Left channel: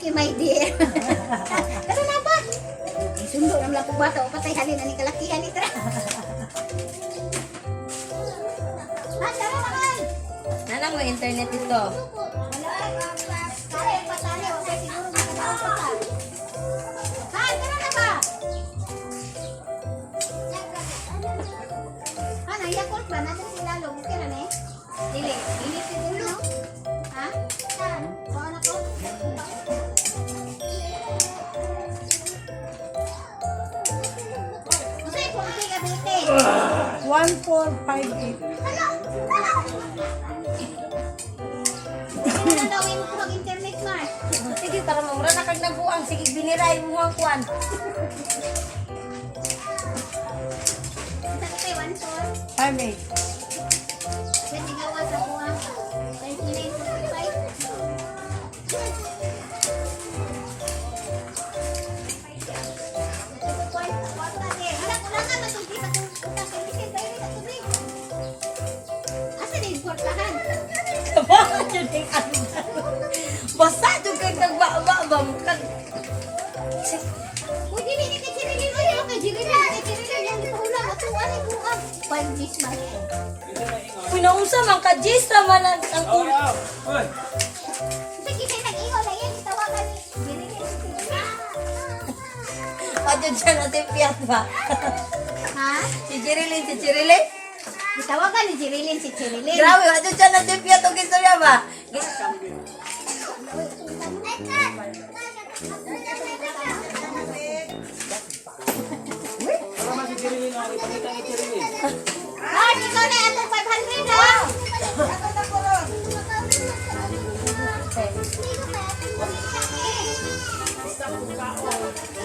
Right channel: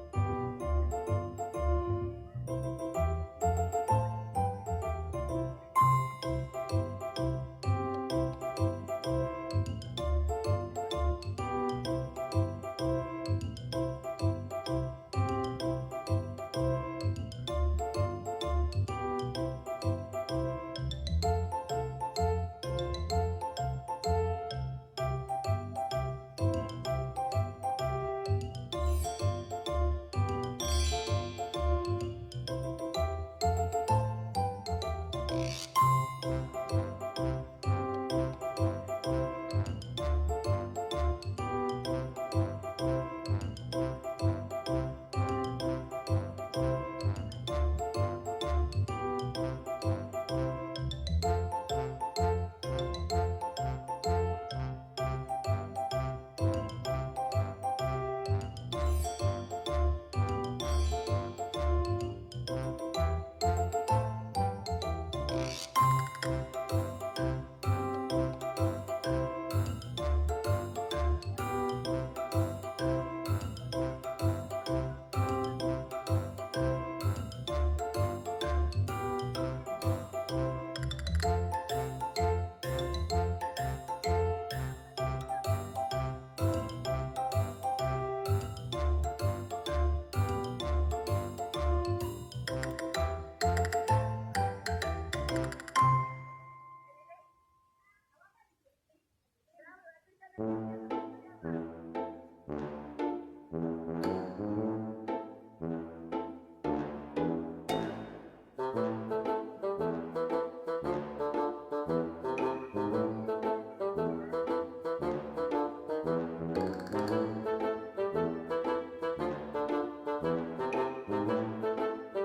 okay, my dear. Kasi na ba? Sundo naman lang kung bata o patay halin na ni kalakihan ito. Ah, tara naman. Nanang mo internet dito. Kaya patali, okay, siguro magkakaroon ka. Ah, tara na ba? Ah, naiyak ba? Nasa sila log. Okay na eh? Dili, init si ulo. Ha? Saan? Baka na ko? Kasi kung hindi ka dito. 1458. Hindi na daw mo mag-internet, Mar. Sige, para mamura na kag nabuang. Sige, biniray mo ang kuwan. Sa kay 1-4. 58. Pwede gawa sa kuha. 29.5. Bakit yun yung ano? Basta doon kang nagbaba-ba mo kag... Pinaunsa man ka, Jis, naman ang ulo. Adyo dyan natin piyat ba? Si Chirilin, si Chirilin? Tawagan ni Chirilin si Chirilin. Grabe, adyo dyan natin piyat o gistorya ba? Ah, ikaw na atong 500 ha.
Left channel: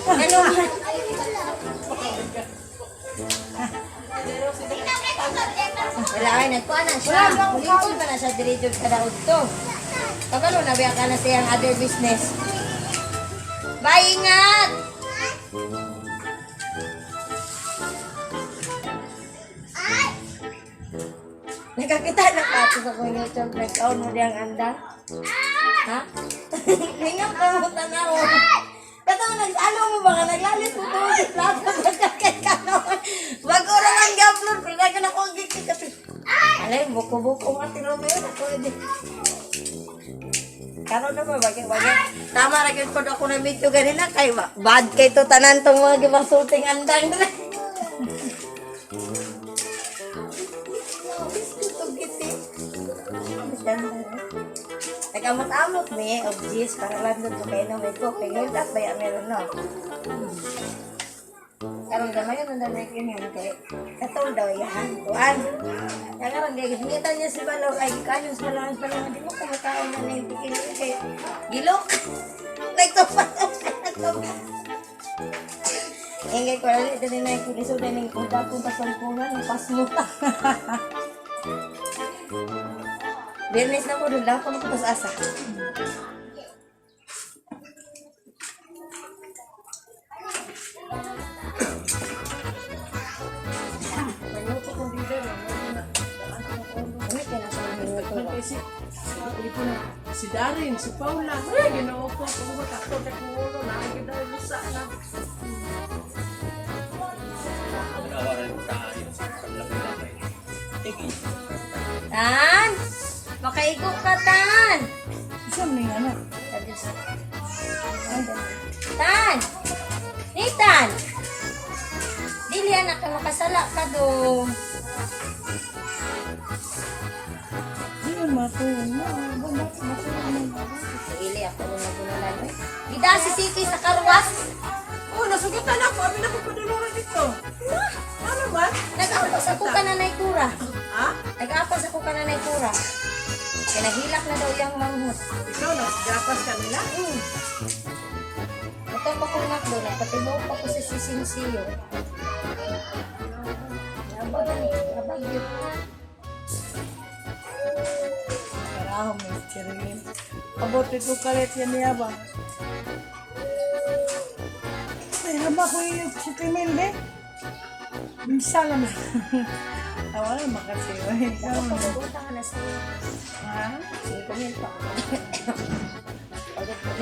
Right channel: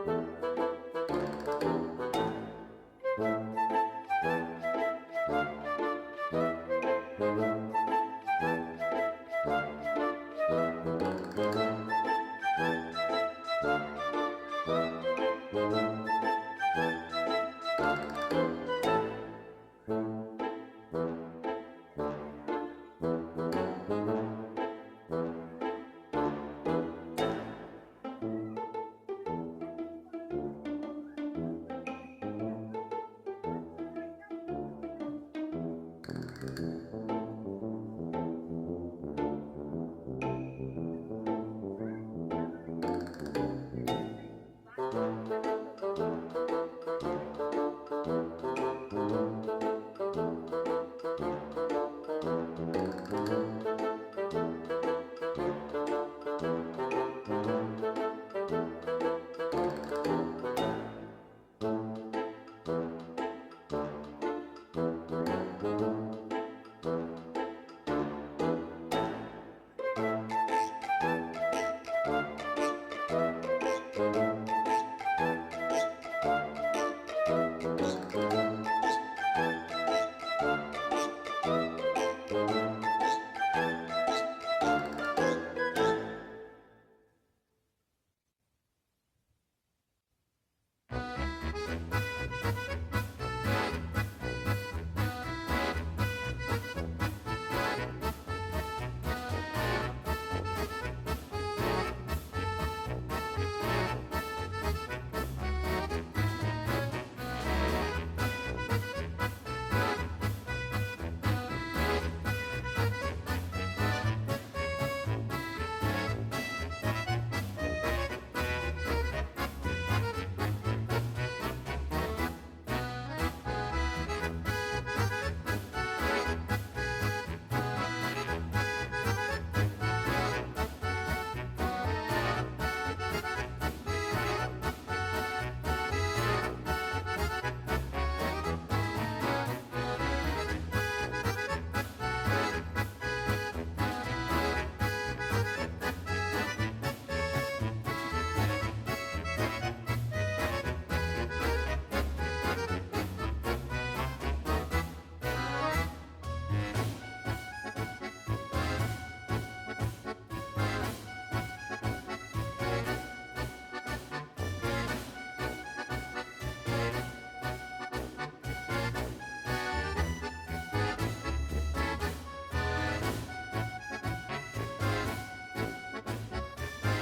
Ano? Wala kayo nagkuha na siya. Bulingkod pa na siya diretso ka daw dito. Pagkano nabiyak ka na siyang other business. Bye, ingat! Nakakita na ka ito sa kong YouTube. Nagkaon mo diyang anda. Ha? Hingang ka mo tanaw. Katong nag-ano mo ba nga naglalit mo ko sa plato pagkakit ka naman. Bago na lang ga-upload, pero na ka na kong gigit kasi. Alay, buko-buko nga tinumeo na ko hindi. Karon na ba, bagay-bagay. Tama na yun kung ako na video ganina kay bad kay to tanan tong mga gibasuting andang na. Nagkamot-amot ni of cheese para lang doon sa kainom ito. Kaya ngayon lahat ba yan meron no? Karong gamay yun ang damay kinyan kay katol daw yan. Tuan. Kaya karong gagamitan niya si Balaw ay kanyos pa lang hindi mo kamatao na naitigil kay gilok. Nagkapat. Ingay ko ulit din na yung gusto din yung kumpas ang punan. Pas mo ka. Birnis na po doon lang kung asa. Si Darin, si Paula, ginaupo ko mo takto kay ulo na kita sa ana. Tan! Makaikot ka, Tan! Saan may ano? Tan! Hey, Tan! Dili, anak ka makasala ka doon. Hindi mo matuon na. Dili, ako naman. Ida si Siki sa karwas. Oh, nasugutan ako. Ano na magpadulungan dito? Ano ba? Nag-apas ako ka na naikura. Ha? Nag-apas ako ka na naikura. Kaya naghilak na daw yung manghut. Ikaw, nagdapas ka nila? Ito ba kung nakdo na, pati mo pa ito sa sisilisiyo. May chirin. Kabote ko kalit yan niya ba? Ay, haba ko yung chikimin din. Minsan lang. Wala makasiwa. Pupunta ka na sa... Ha? Sige, pa.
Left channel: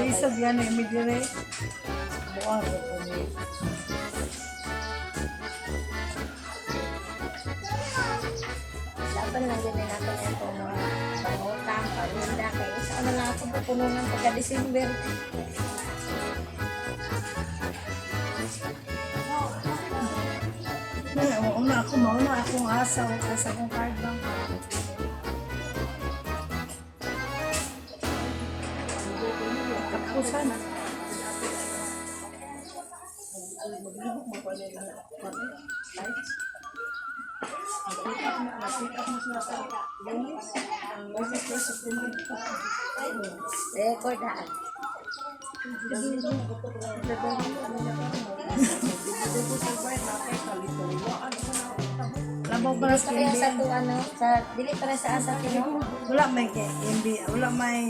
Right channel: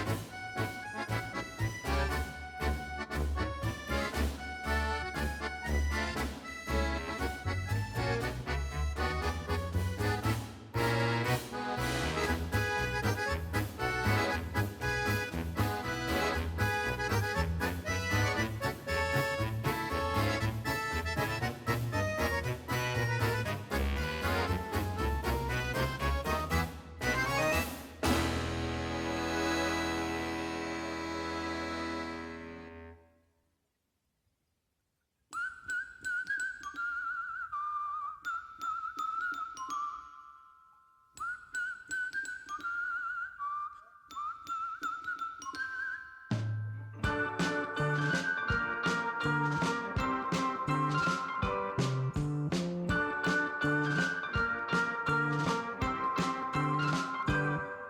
Isa yan eh, medyo rin. Buwan. Dapat na din natin ito mga utang, pagkita, kaya saan na ako pupuno ng pagka-December. Mauna akong asa sa akong karga. Ako sana. Maglibok mo pa nila. Record na. Labaw para Gusto sa kayo sa ito, ano, sa, dili para sa asa ko. wala may hindi, wala may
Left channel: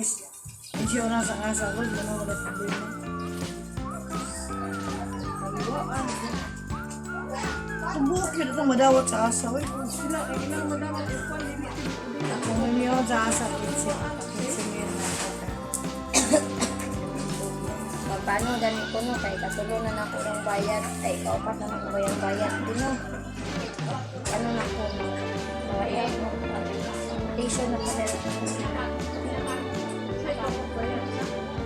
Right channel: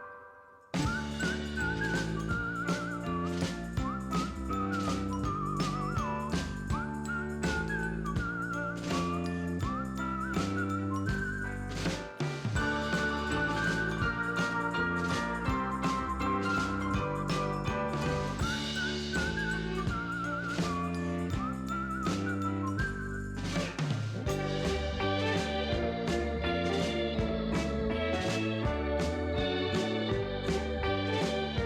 siyo na sa asa. Wala mo wala problema. Ang buhok yun itong madawat sa asa. Wala, kung niyo sa asa. Paano ganun ko no, kay katulungan ako ng bayan, kay ikaw pa ka ng bayan, di no? Ano na ko, bayan mo, station na pala.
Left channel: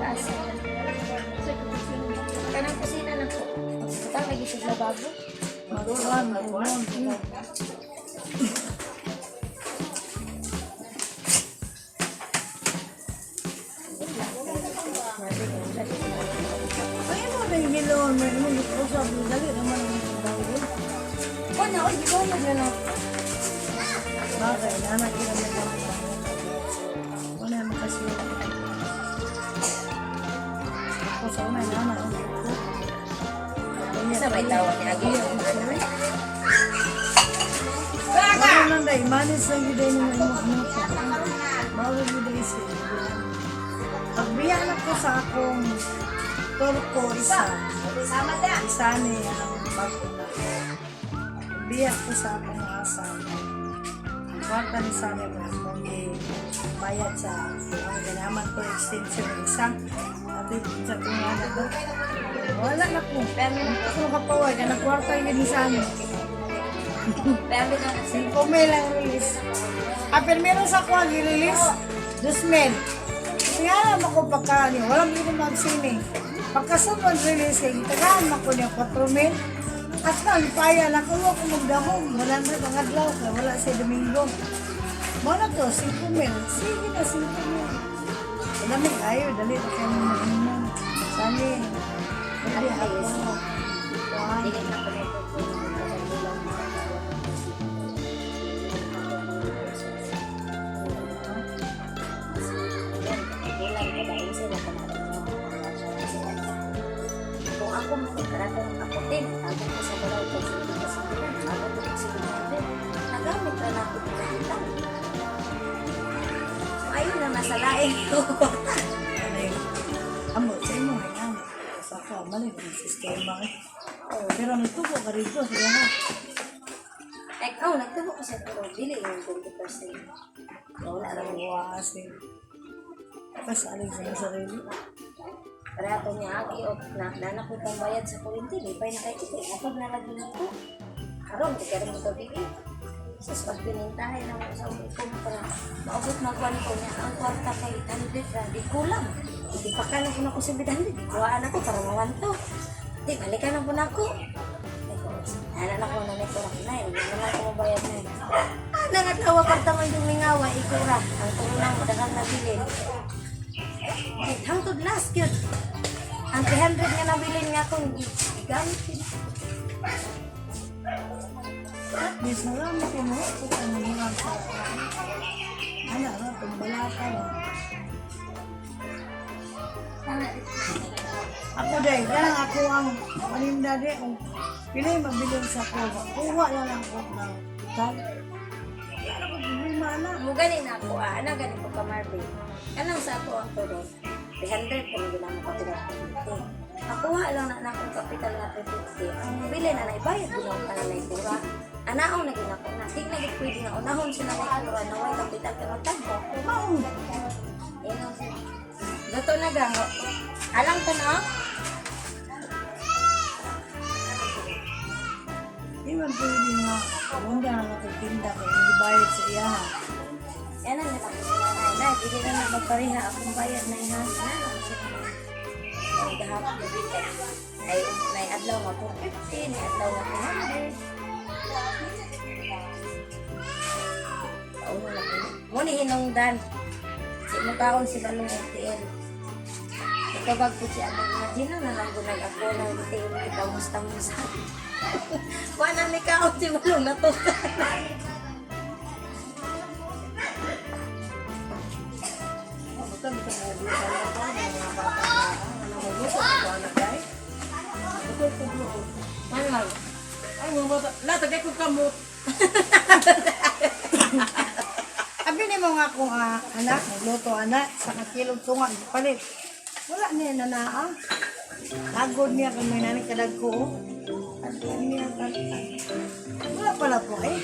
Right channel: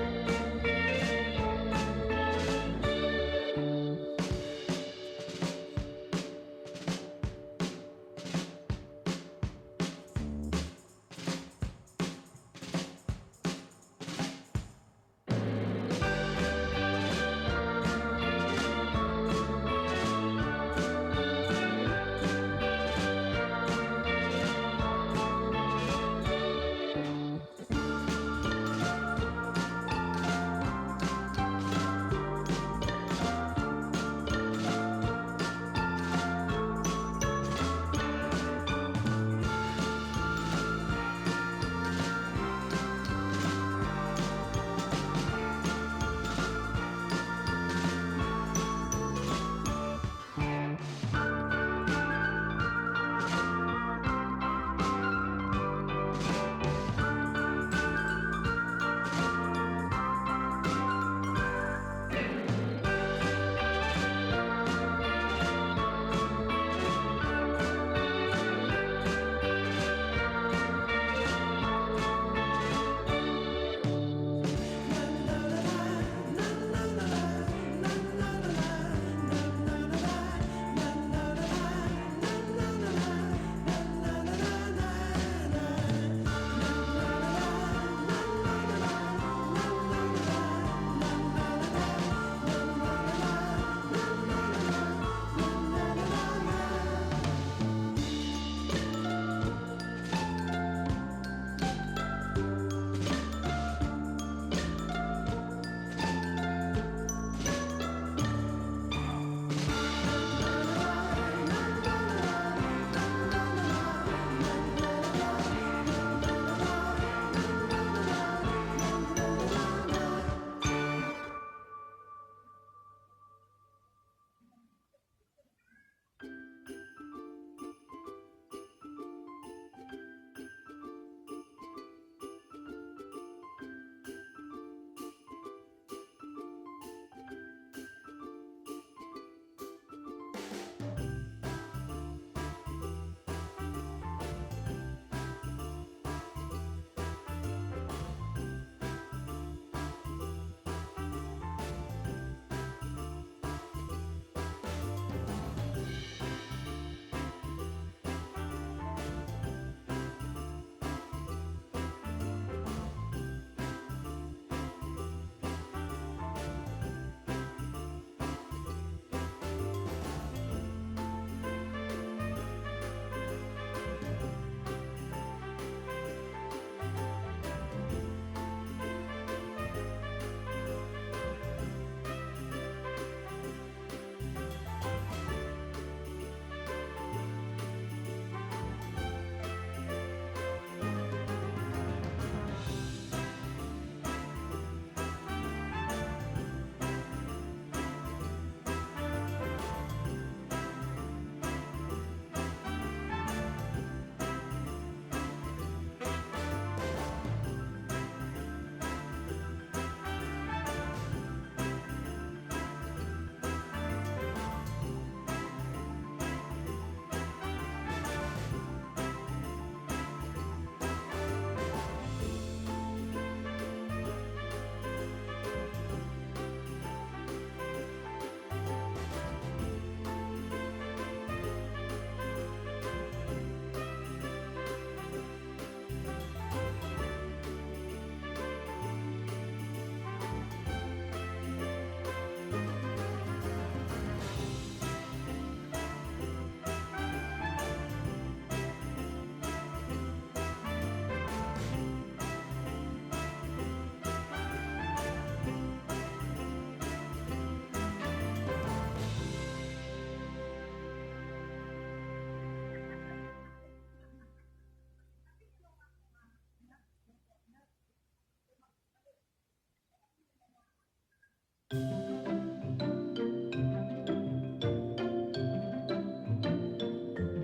Kasi, kanang kusina na po, ito nag-isip na bago. Marulan. Isa may tawag niya, gano'n. Manis lang yun din yung bawal yun din siya. Pagbiyan ako sa akong turko isa. Isa ni pagbiyan ko sa akong asa. Wata ni sa niya mayat sa naman ko extension isa. Hindi sa tingala ko. Wala na po. Pero ako kapaway ka nagwarta yun sa amin. Pero na kasi, Kumay lang release. Pero meron sa kuha i-release. Dusmed. Nga naman ako pagkali. Walang dito mag-sini. Pagkasunod release kay itagahan ako niya 4,000. At lang, paya lang ko ako magdahon. Wala na nangadlaw. Wala sa Domingo. Mana to, 5,000. Sige na sila. Dami kayo. Dali na kayo. Dali. Dali ayos na. Amo, sa inyo na. Sa ka, mali ang sistema eh. Pero nagtubo ka rito, siya ha. ikaw, nagtubo ko sa tulog, dili yung 20%. Wala lang buwasin. Kasalig sa sarili. Para ako niya aki o nanak ko kang bayad sa kurinti, di pa na kayo ito. Kapag nalagyan na ito, karoon, di ka rin ito dito. Sa pagpinintahay na ako sa kumpara, maabot magwan ko niya, ang kwarta kay 100 ra, di kulang. Hindi pa ka na po na ko sa 100. Kuhaan ako para mawanto. Di, balikan na po na ako. Ano na ko na nito ra na yun, hindi na ako mabayad na yun. Nangatawa karta man yung mingawa, ikura. Ang tulang mo, dagang nabilin. Hangtod last yun. Ang 300 nga nabilin nga akong gamit. Di salamat ko mo. Ang mga sa... Ano, pagbalatan. Ako dahil, kaya ako ang maninda din. Kung pili mabiling sa kuha, kuha na lang ako ng tag. Hindi mana. Mo ganin na ako, ana ganin ko ka Marvin. Kanang sa ako ang todo. 300 kung ginang ko pinapalito. Nakuha lang na akong kapital na 350. Mabili na naibayad ko lang ka na naikura. Anaon na ginako na. Hindi na pwede na unahon sila na ikura na wala kapital ka ng tagwa. Maong. Gato na gang. Alang to na? Iwan pwede nga. Muna na nakatinda kay hindi bayad sa iya. Yan ang nakapasila na. Hindi na nakapariha. Akong bayad na yan. Ay, gahapon na dito. Ay, adlaw nga po 15. Ay, adlaw nga po 100. Muna hinungdan. Di mo taon sila ng LTL. Ikabag po siya. Imagine na lang kung nag-ako na LTL. Ikaw mustang-musta. Kuha na may kaot si Malong na to. Latagay ko kamot. Abi ni mga akong anak, nagluto anak, sa kakilog tunga, palit. Wala niya nanaa. Agod niya kung may nanik kadag ko. Wala pala po eh.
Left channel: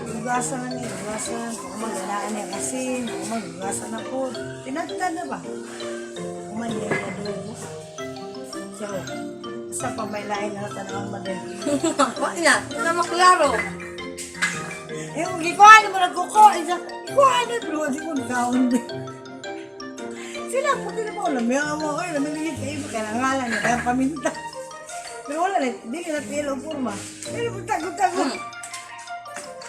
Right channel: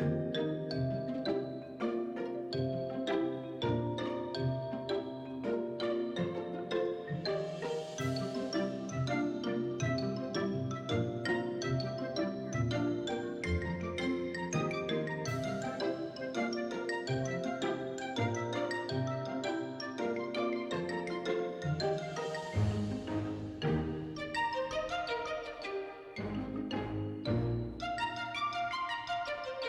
Hugasan na niya, hugasan. Magandaan niya kasi, maghugasan na po. Tinagta na ba? Kumanya na doon. So, sa pamailahin na tanawang madali. Wala na. Na maklaro. Eh, gikuhan mo nagkukuha. Gikuhan na doon. Di mo nagkaon. Sila po din mo alam. May amo ko. Namingit sa iba. Kaya nangalan niya. Kaya paminta. Pero wala na. Hindi ka na pilo po ma. Pero magtago-tago.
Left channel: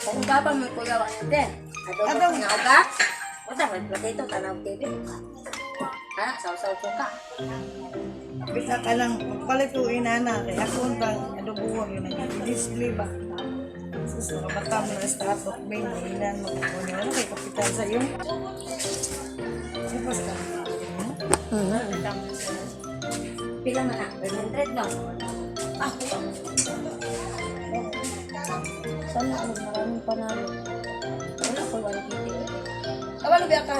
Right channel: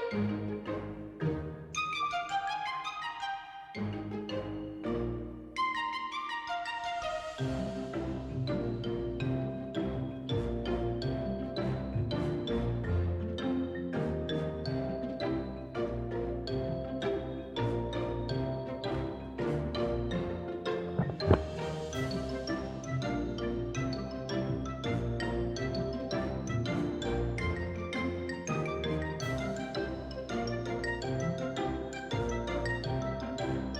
Kung baba mo ko gawa din. Adobo ko nga uga. Wala mo potato tanaw TV. Ha, saw-saw ko ka. Bisa ka lang. Magpalit ko inana. Kaya ako bang adobo ko yun. Display ba? Susunod ba ka mo na strato. May ilan mo. Kaya kapital sa iyo. Sipas ka. Pila man na. 100 lang. Ah, sana ano maraming panalo. Wala ko wala kiti. Kabalo biya ka.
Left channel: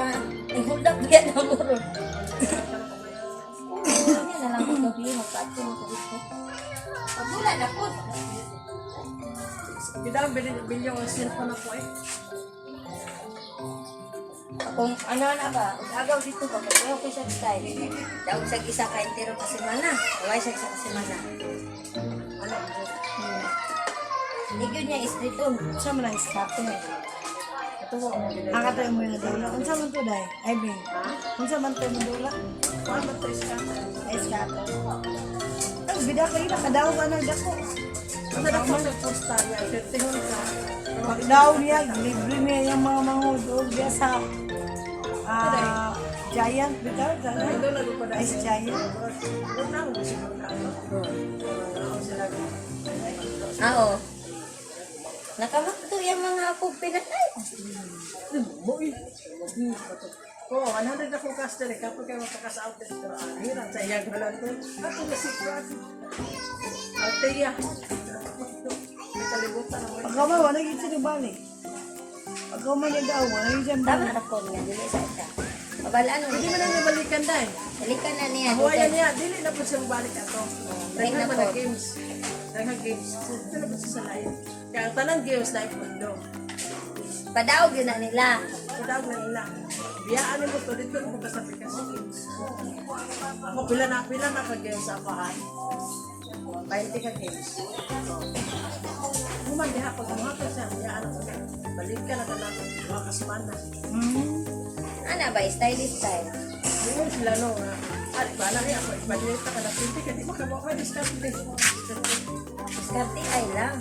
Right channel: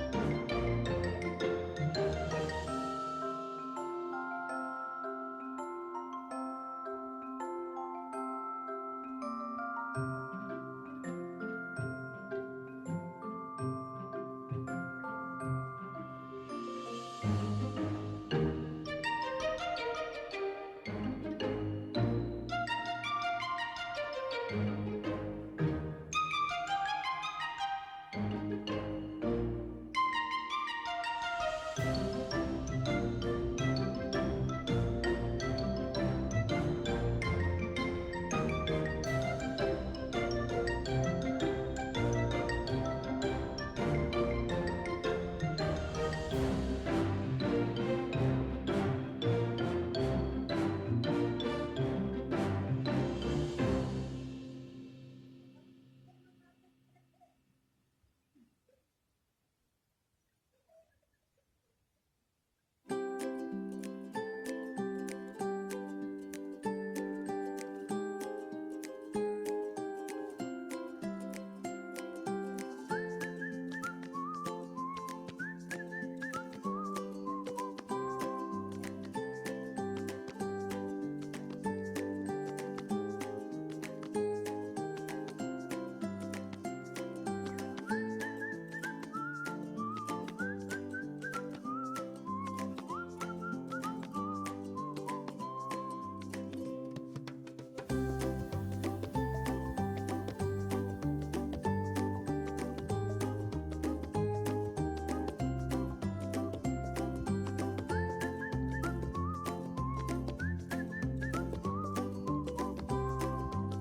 Ihuldak biya na mo ron. Yan na lang ko gabi. Magpatsin ko dito. Pagula na po. Bidang bilyong cellphone ako eh. Kung ano na ba, agaw dito ba, kung okay siya style. Daog sa isa ka entero kasi mana. Huwag siya isa kasi mana. Ano? Hindi yun niya is dito. Siya mo lang iskapin eh. Ang katay mo yun na dula. Kung saan man to dahil? Ay, Ben. Kung saan man tayo dula? Kung saan man to iskapin? Ay, iskapin. Ay, bida kayo na. Kadaw ka ng dako. Ang dako mo nagposta niya. Magdaw niya. Libre niya yung mga mahudog. Diya sa Giant. Ice Giant. Oo. Nakamakto yung mga apo pinatay. Oo, 100 na kong customer. Kapag kayo magkakasaot dito, hirap sa iyang halang to. Ako kasi ko. Ate ya. Pagkaw ba, wala yung sinubali. Pagkaw man nag-awa, wala yung dyan Tama na po niya, dili sa isa. Mabalaan mo. Hindi mo na nabalikan dahil. Balikan na niya. Buhayan niya, dili na po siya balik ato. Break na Dahil po. na games. Dahil games. Dahil po siya sa layo. Kaya ang tanang games na ikundo. Padaog yun na nila. Kudawag na nila. Biyaan mo to dito kung basta may kasi games. Ako pila na ka-games sa bahay. 20 ka games. Kumandi ako mga kasi biyaan mo. Balik ka na lang mga kasmana. Ano ba, stylish style. Ngayon sila no, ari ba na rin ako, ibalik ka na pinti ka, di ba ka mga discount din. Skarte ay lang.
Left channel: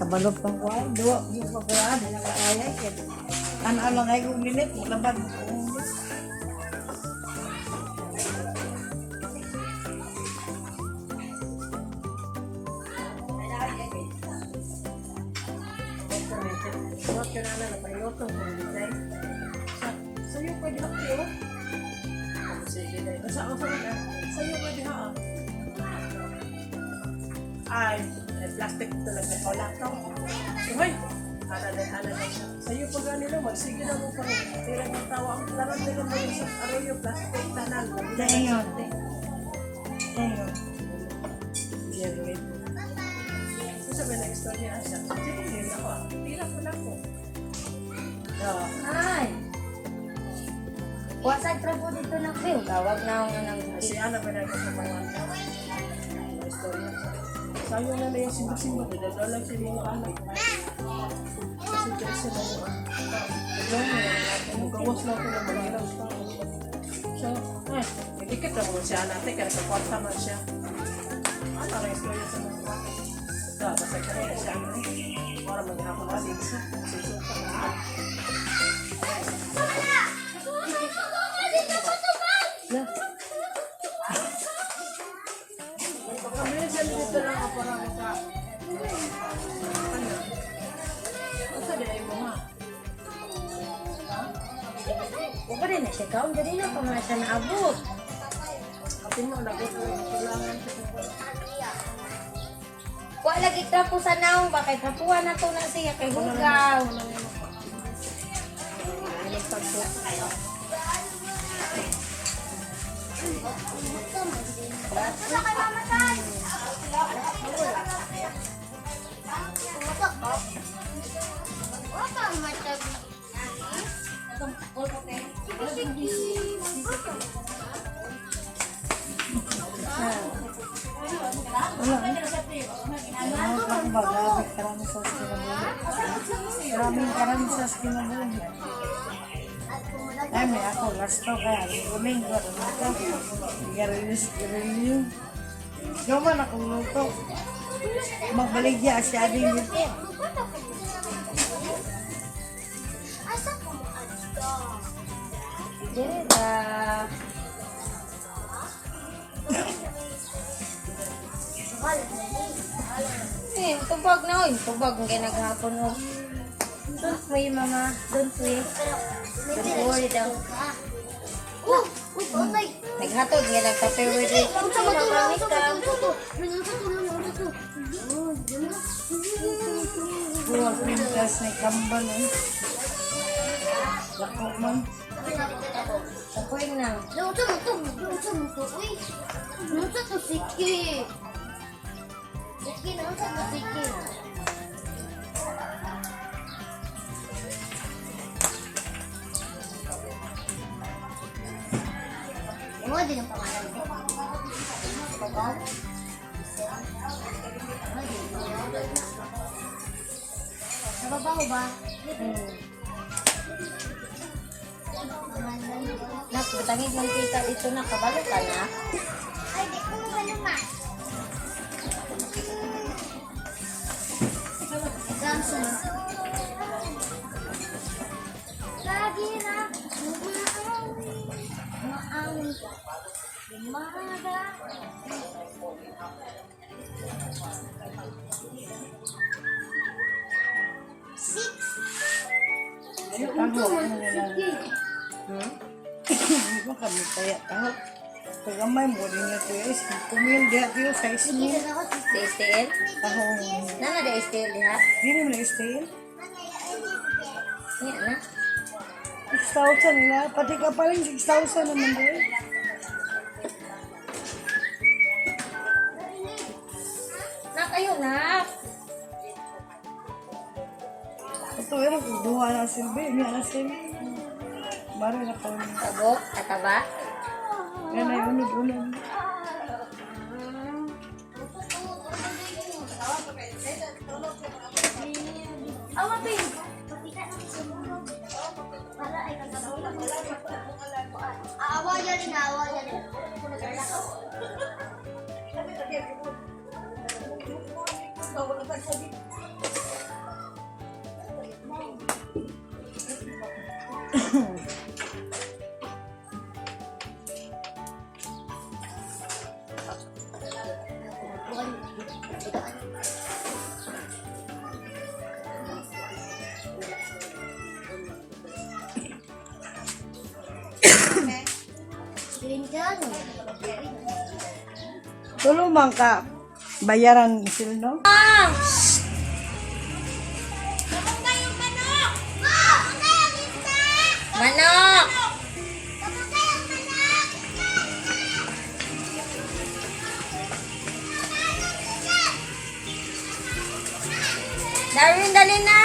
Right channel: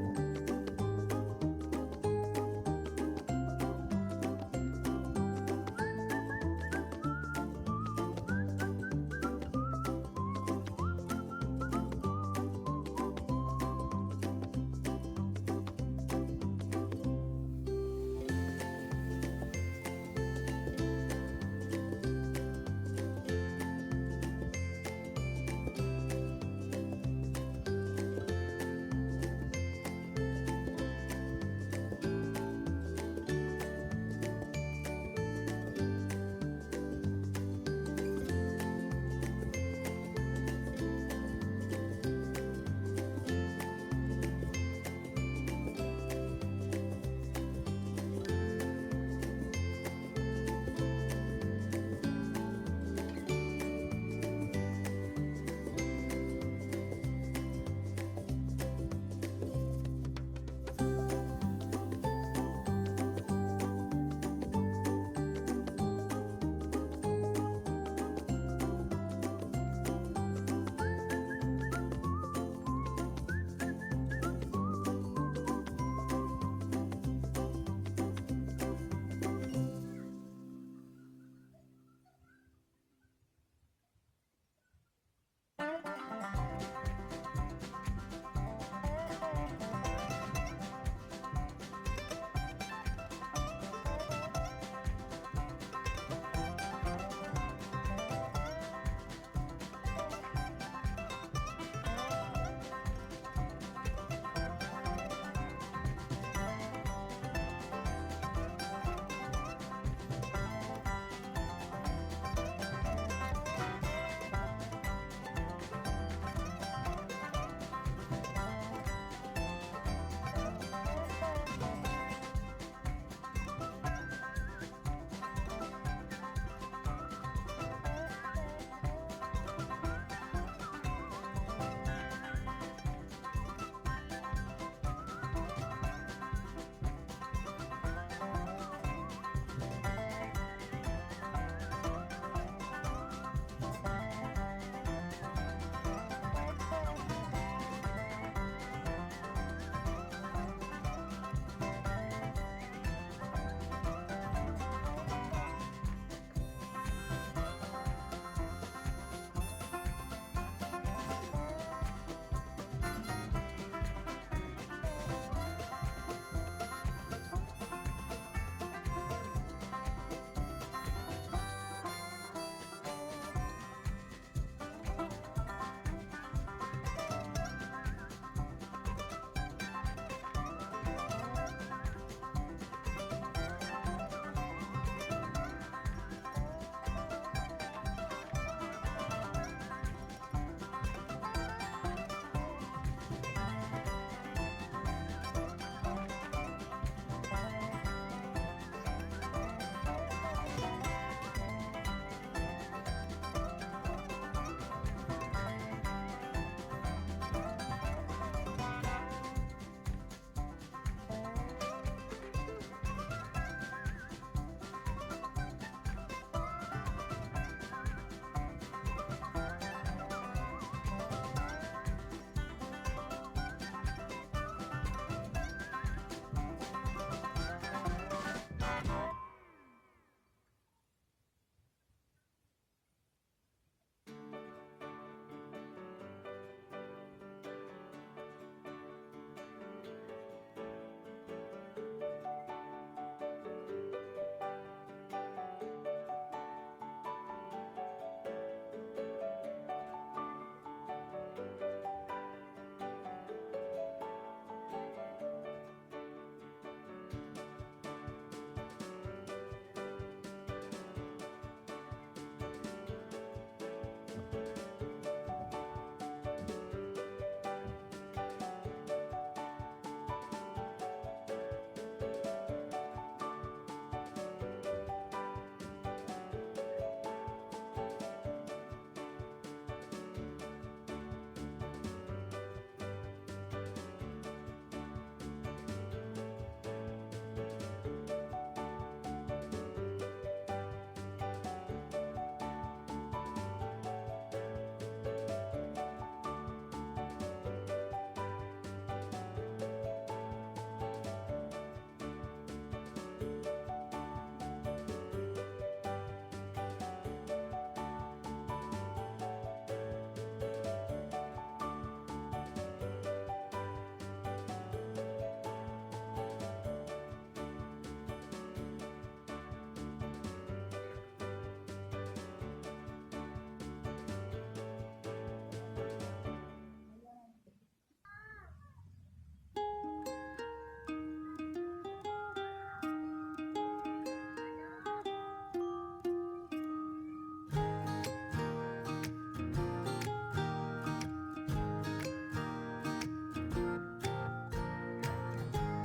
Kabalog pa ko, dua, yung pa ko, di na kaayay. Ano ay kong nilit, laban. Ay, plastic ito lang sa laptop. Hoy, sa'yo pa ganito, magsige na mo pa. Tira ng tawa, laran nila mo sa arayo, plastic na lang. Dayon. Dayon. Sabi na istorya siya. Sige, ako. Tira ko lang po. Ay! Wasag Sayo na yung simba-simba. Dadala sa mga anak. Kasi kasi na gawas na ito na mag-ilang siya. Ikit na mo siya natin. Kaya kapwarta man siya. Para istorya sa mga bakit. Basta kaya siya. Para magkakapalik siya. Huwag rin na siya kaon. Dali na pa mga siya naabot. Huwag lagi trapo sa naong. Bakit trapuhan na to na siya kay Hugaw. Maraming sa kinabuhi. Ay, may ako gasto kaya. Kuling ko rin ito. Garilis. Gawa na kung luto. Magbaligya siya din dito. Tubag na oy. Tubag ang ginaghapon mo. Don't pray, mama. Don't pray. Don't worry daw. Naghatod nga nagpa-favorite rate. Magamit ka. Buwag pintas ni Kambal eh. Lako man. Ako'y na. Ano din ang pangalan ko? Nababaho ba? Nak, batangin mong kita ito na. Kabalo ka na. Ay, di ko ano pa. Samsung. Lagi na maawi ka. Umaga. Taho. Hindi ko kami kaya taho. Pagamay mo rin niya ito eh. Kumil diya tiyo sa ismil. Di STL? Taho. Nana di STL diha? Hindi mo na stay. Yan na. 6,000 nila. Pati ka pa rin 6,000 naman doon. Na kayo na. Ito yun. Buha na silbi. Niya na silbi. Baro na pa. Tabo, kataba. Yan ay unod-unod. Tulumang ka. Bayaran sila, no? Manok! Darwin, dali na!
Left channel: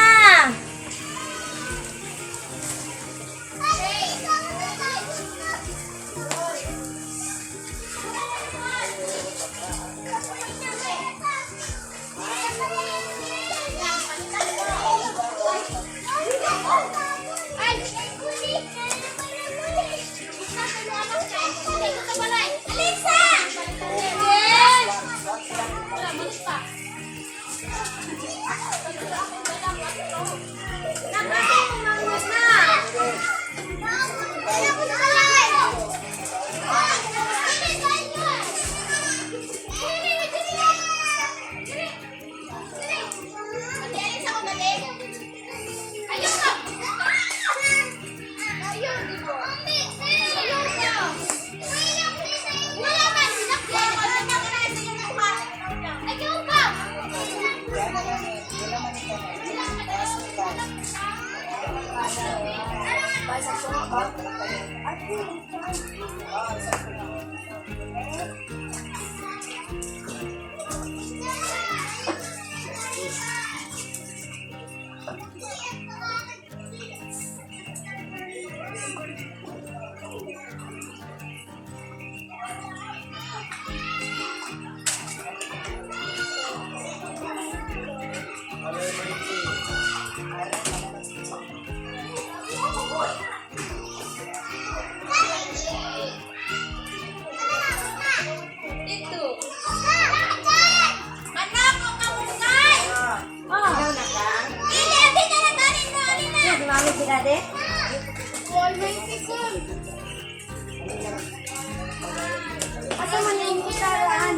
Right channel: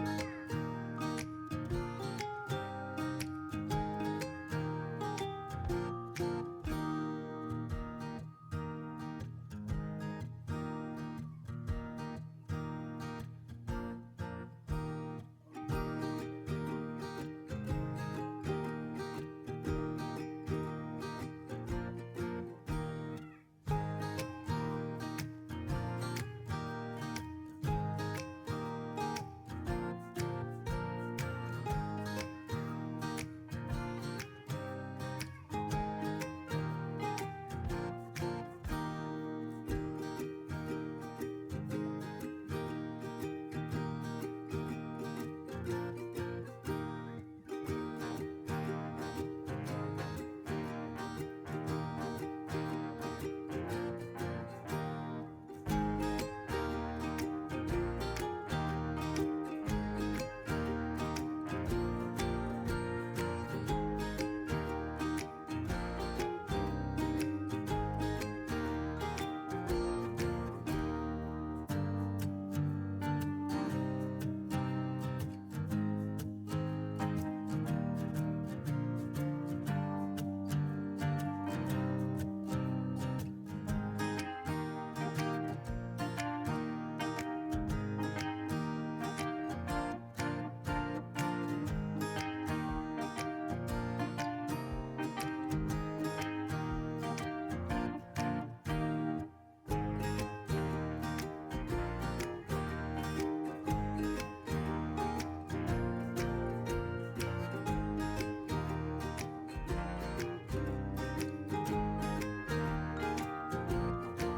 Asa man yung utaraan?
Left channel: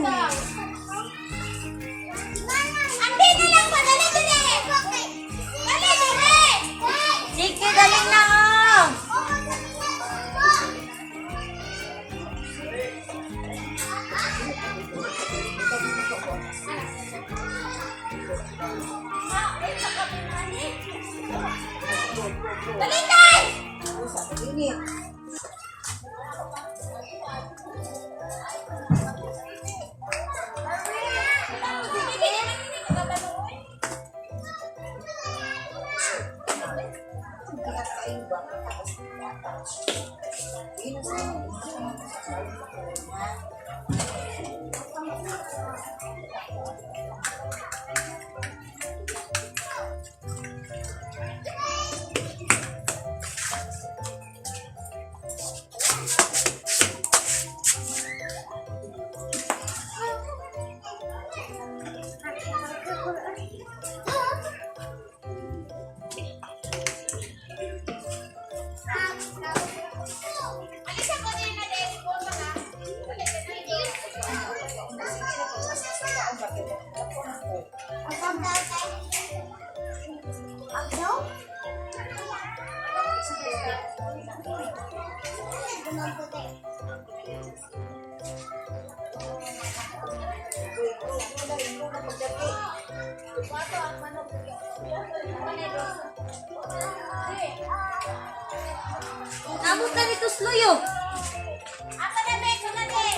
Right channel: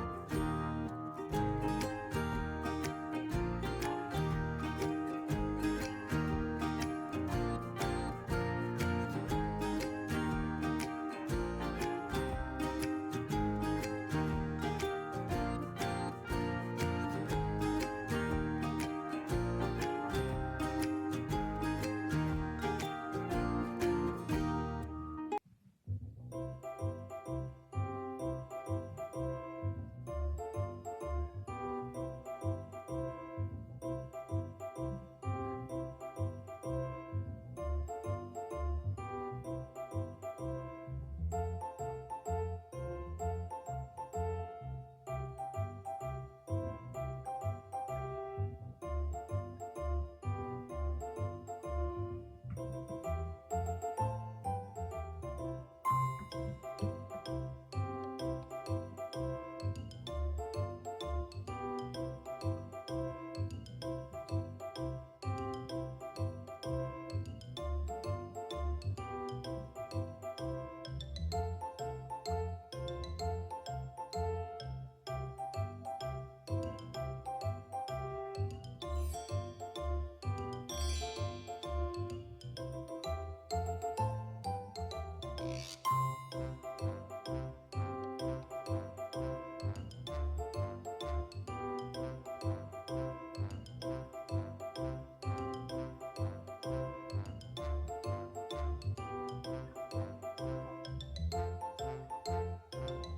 Andi na lang ba? Dali, dali! Dali, dali! Sige, dali na oh! Dali, dali! Amot na dito sluyo. Apa na, Bek? Ano, Bek?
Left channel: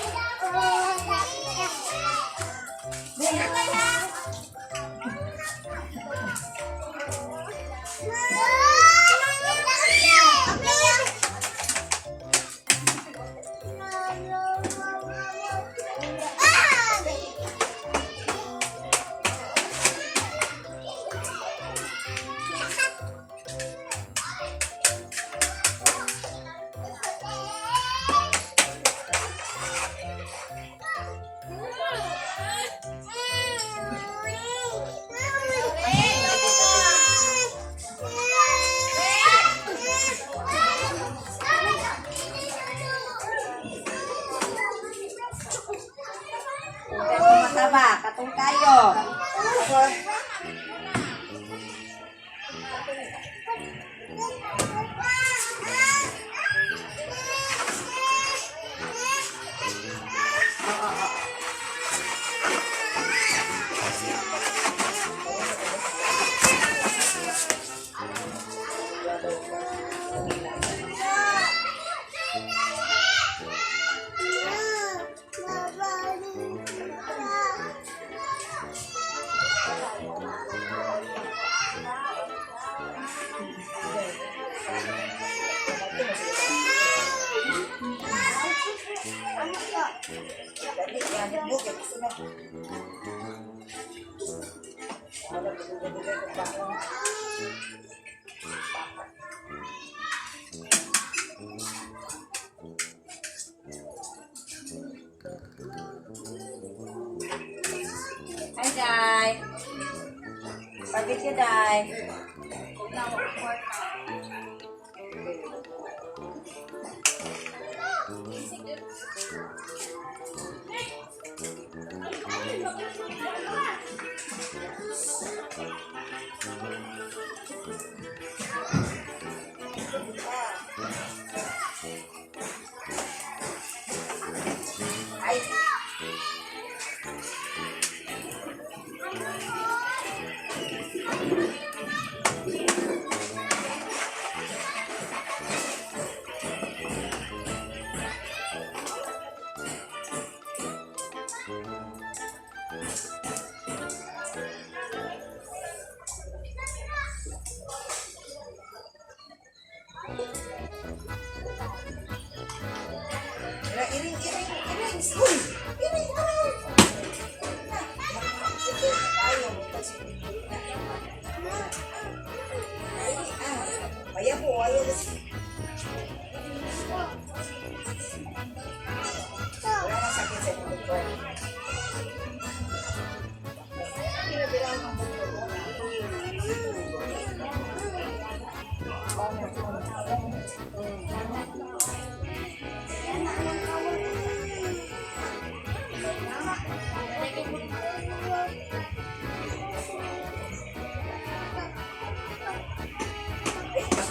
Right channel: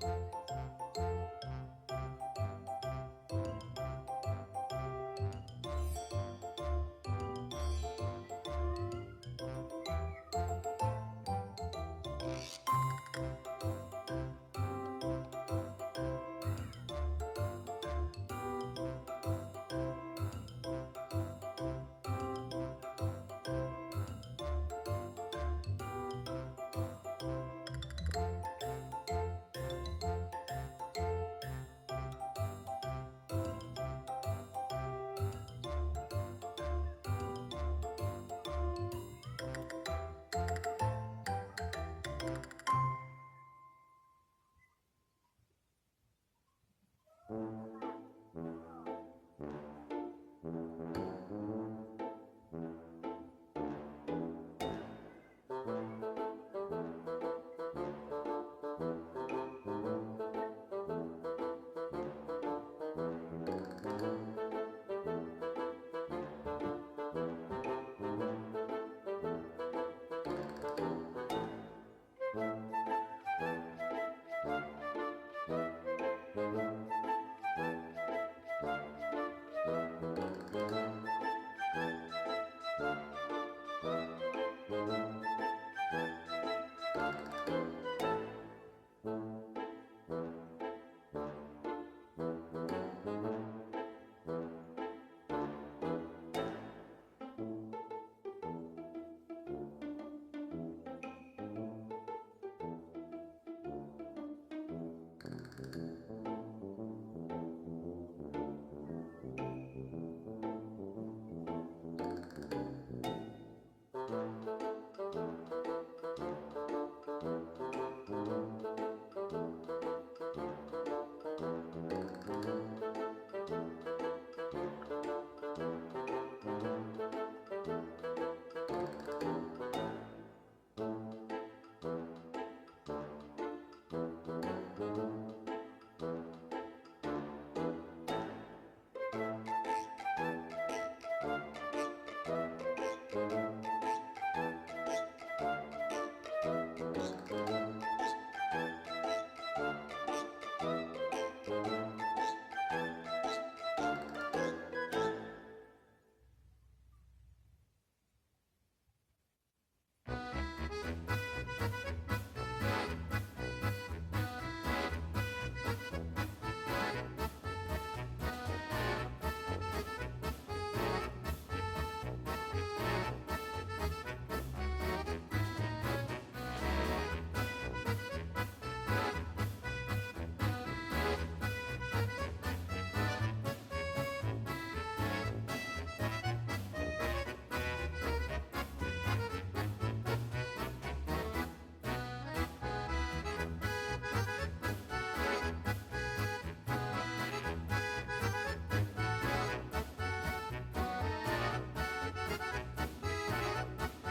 Mataba, katong kayo. Hi, Day. Pagit ka, Day. Ay.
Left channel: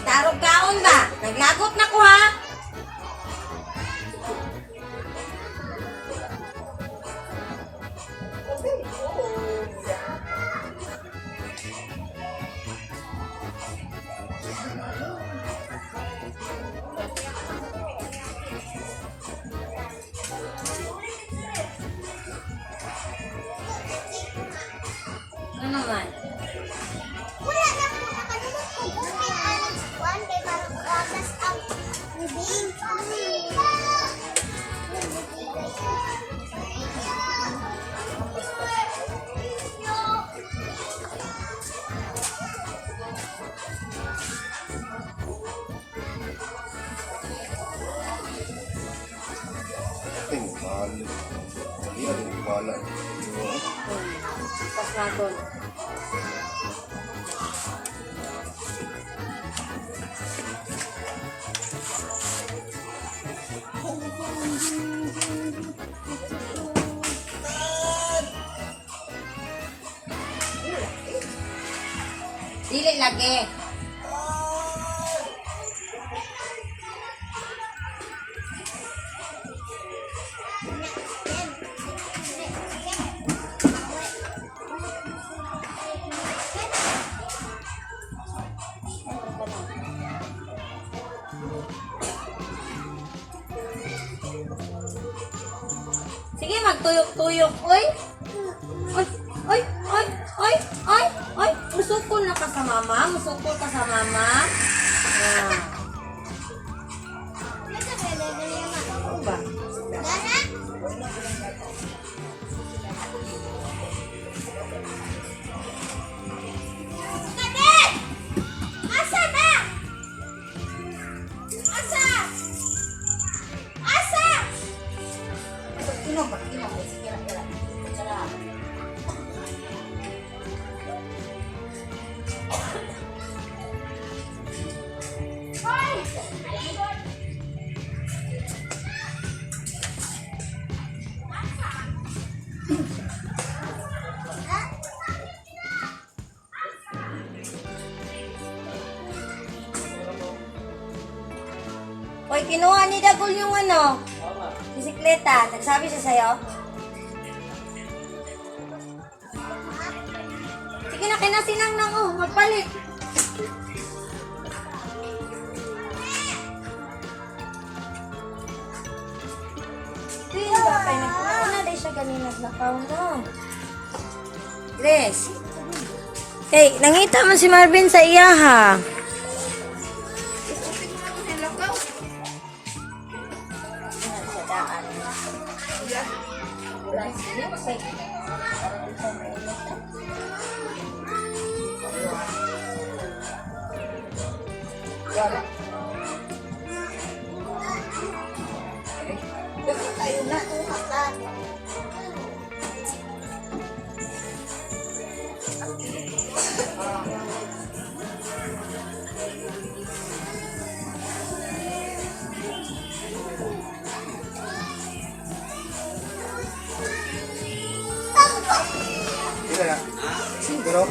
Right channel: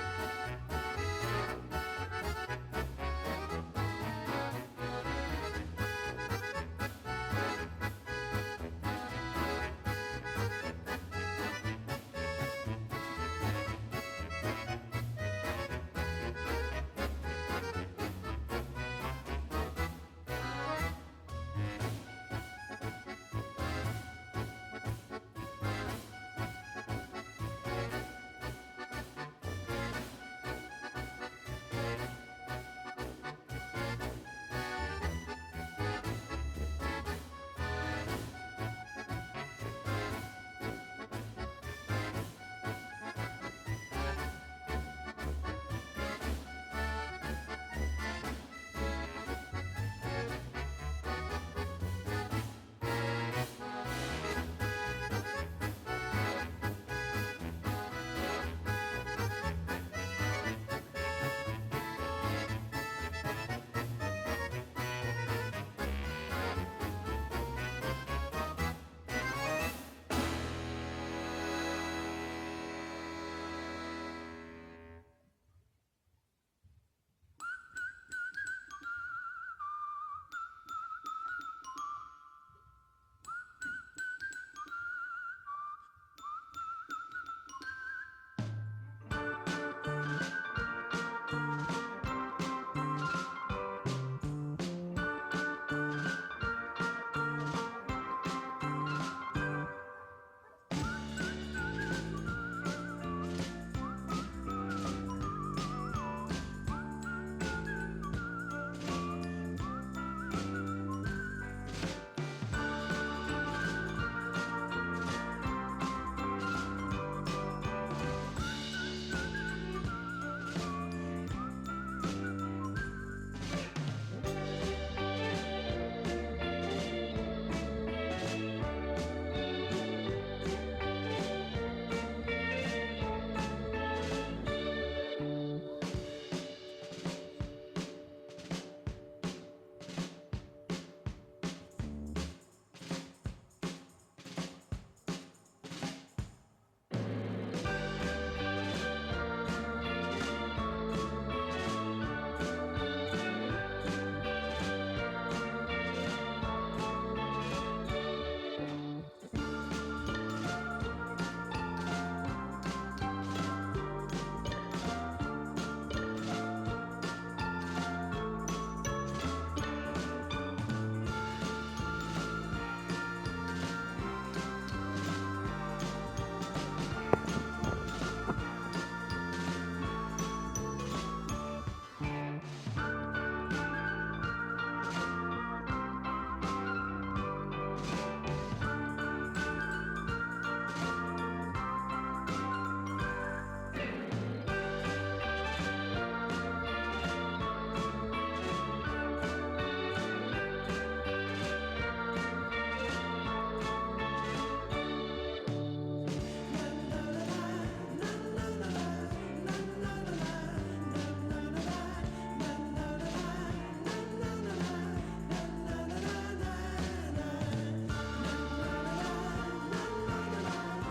Tarog kaon ba? Naglagot na ko ha. Ano naman? Wala na po nakalulot ko. One day, malugatas ang ubing. Pasmagon. Dili lagi. Sige, magtuyok-tuyok. Oy. Oy, oy, oy, oy, oy, oy. Musukol na ka sa mama. Musukol ka sa mama. Ah. Ano ba? Asa na? Asa? Asa? Ino ba? Ino ba? Sige lang, sige lang. Sarap. Hoy, kinuha ni Dagol yung ano, bisikleta. Nagsabi siya sa'yo? Sige na, kinasinang na ko. Magpalit. Kaya ba kayo nagkukuha na siya kanina sa lakaw mo? Grace. Hey, nangita mo si Marvin sa iya ha. Pero,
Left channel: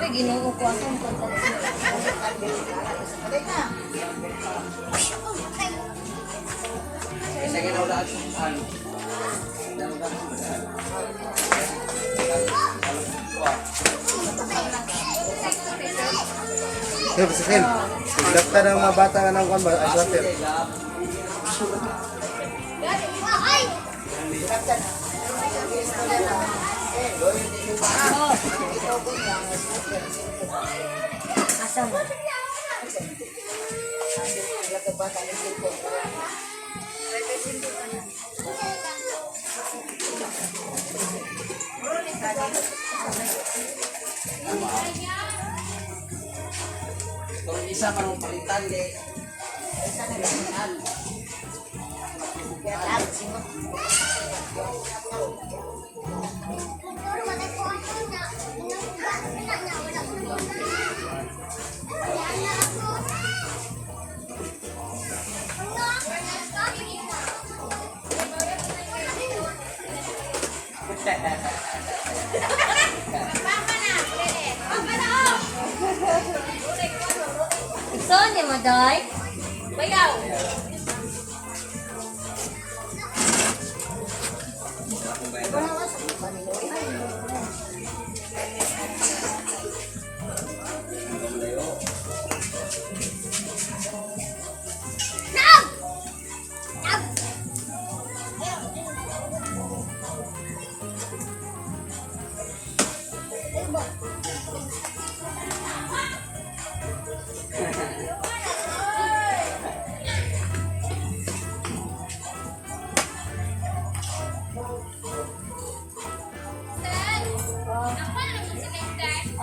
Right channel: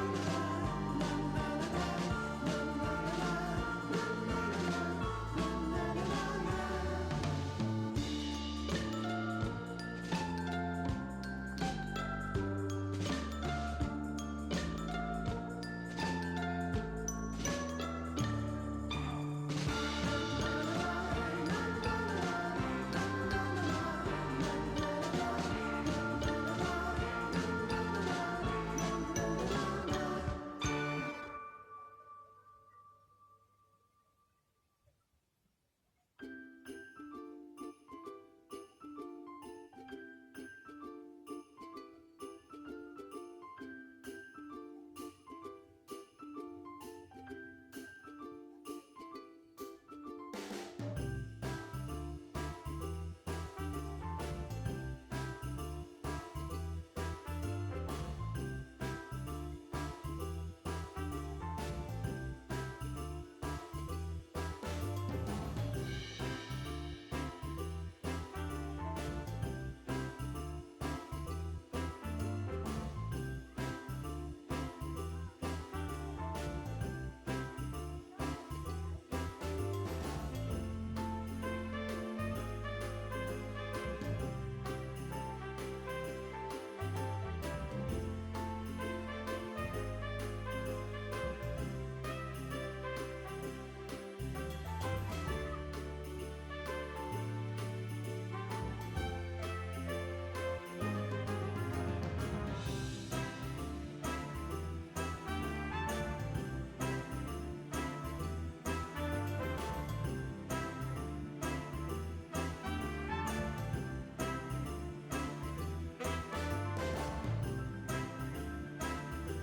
Uy, ginoo ko ako. sir, sa Ken, daftar ng mga bata nga ng kwan ba? Ay, sir. Ay! Asa mo? Isa parang palitan eh. Gusto niya mo, Day? Bayaw.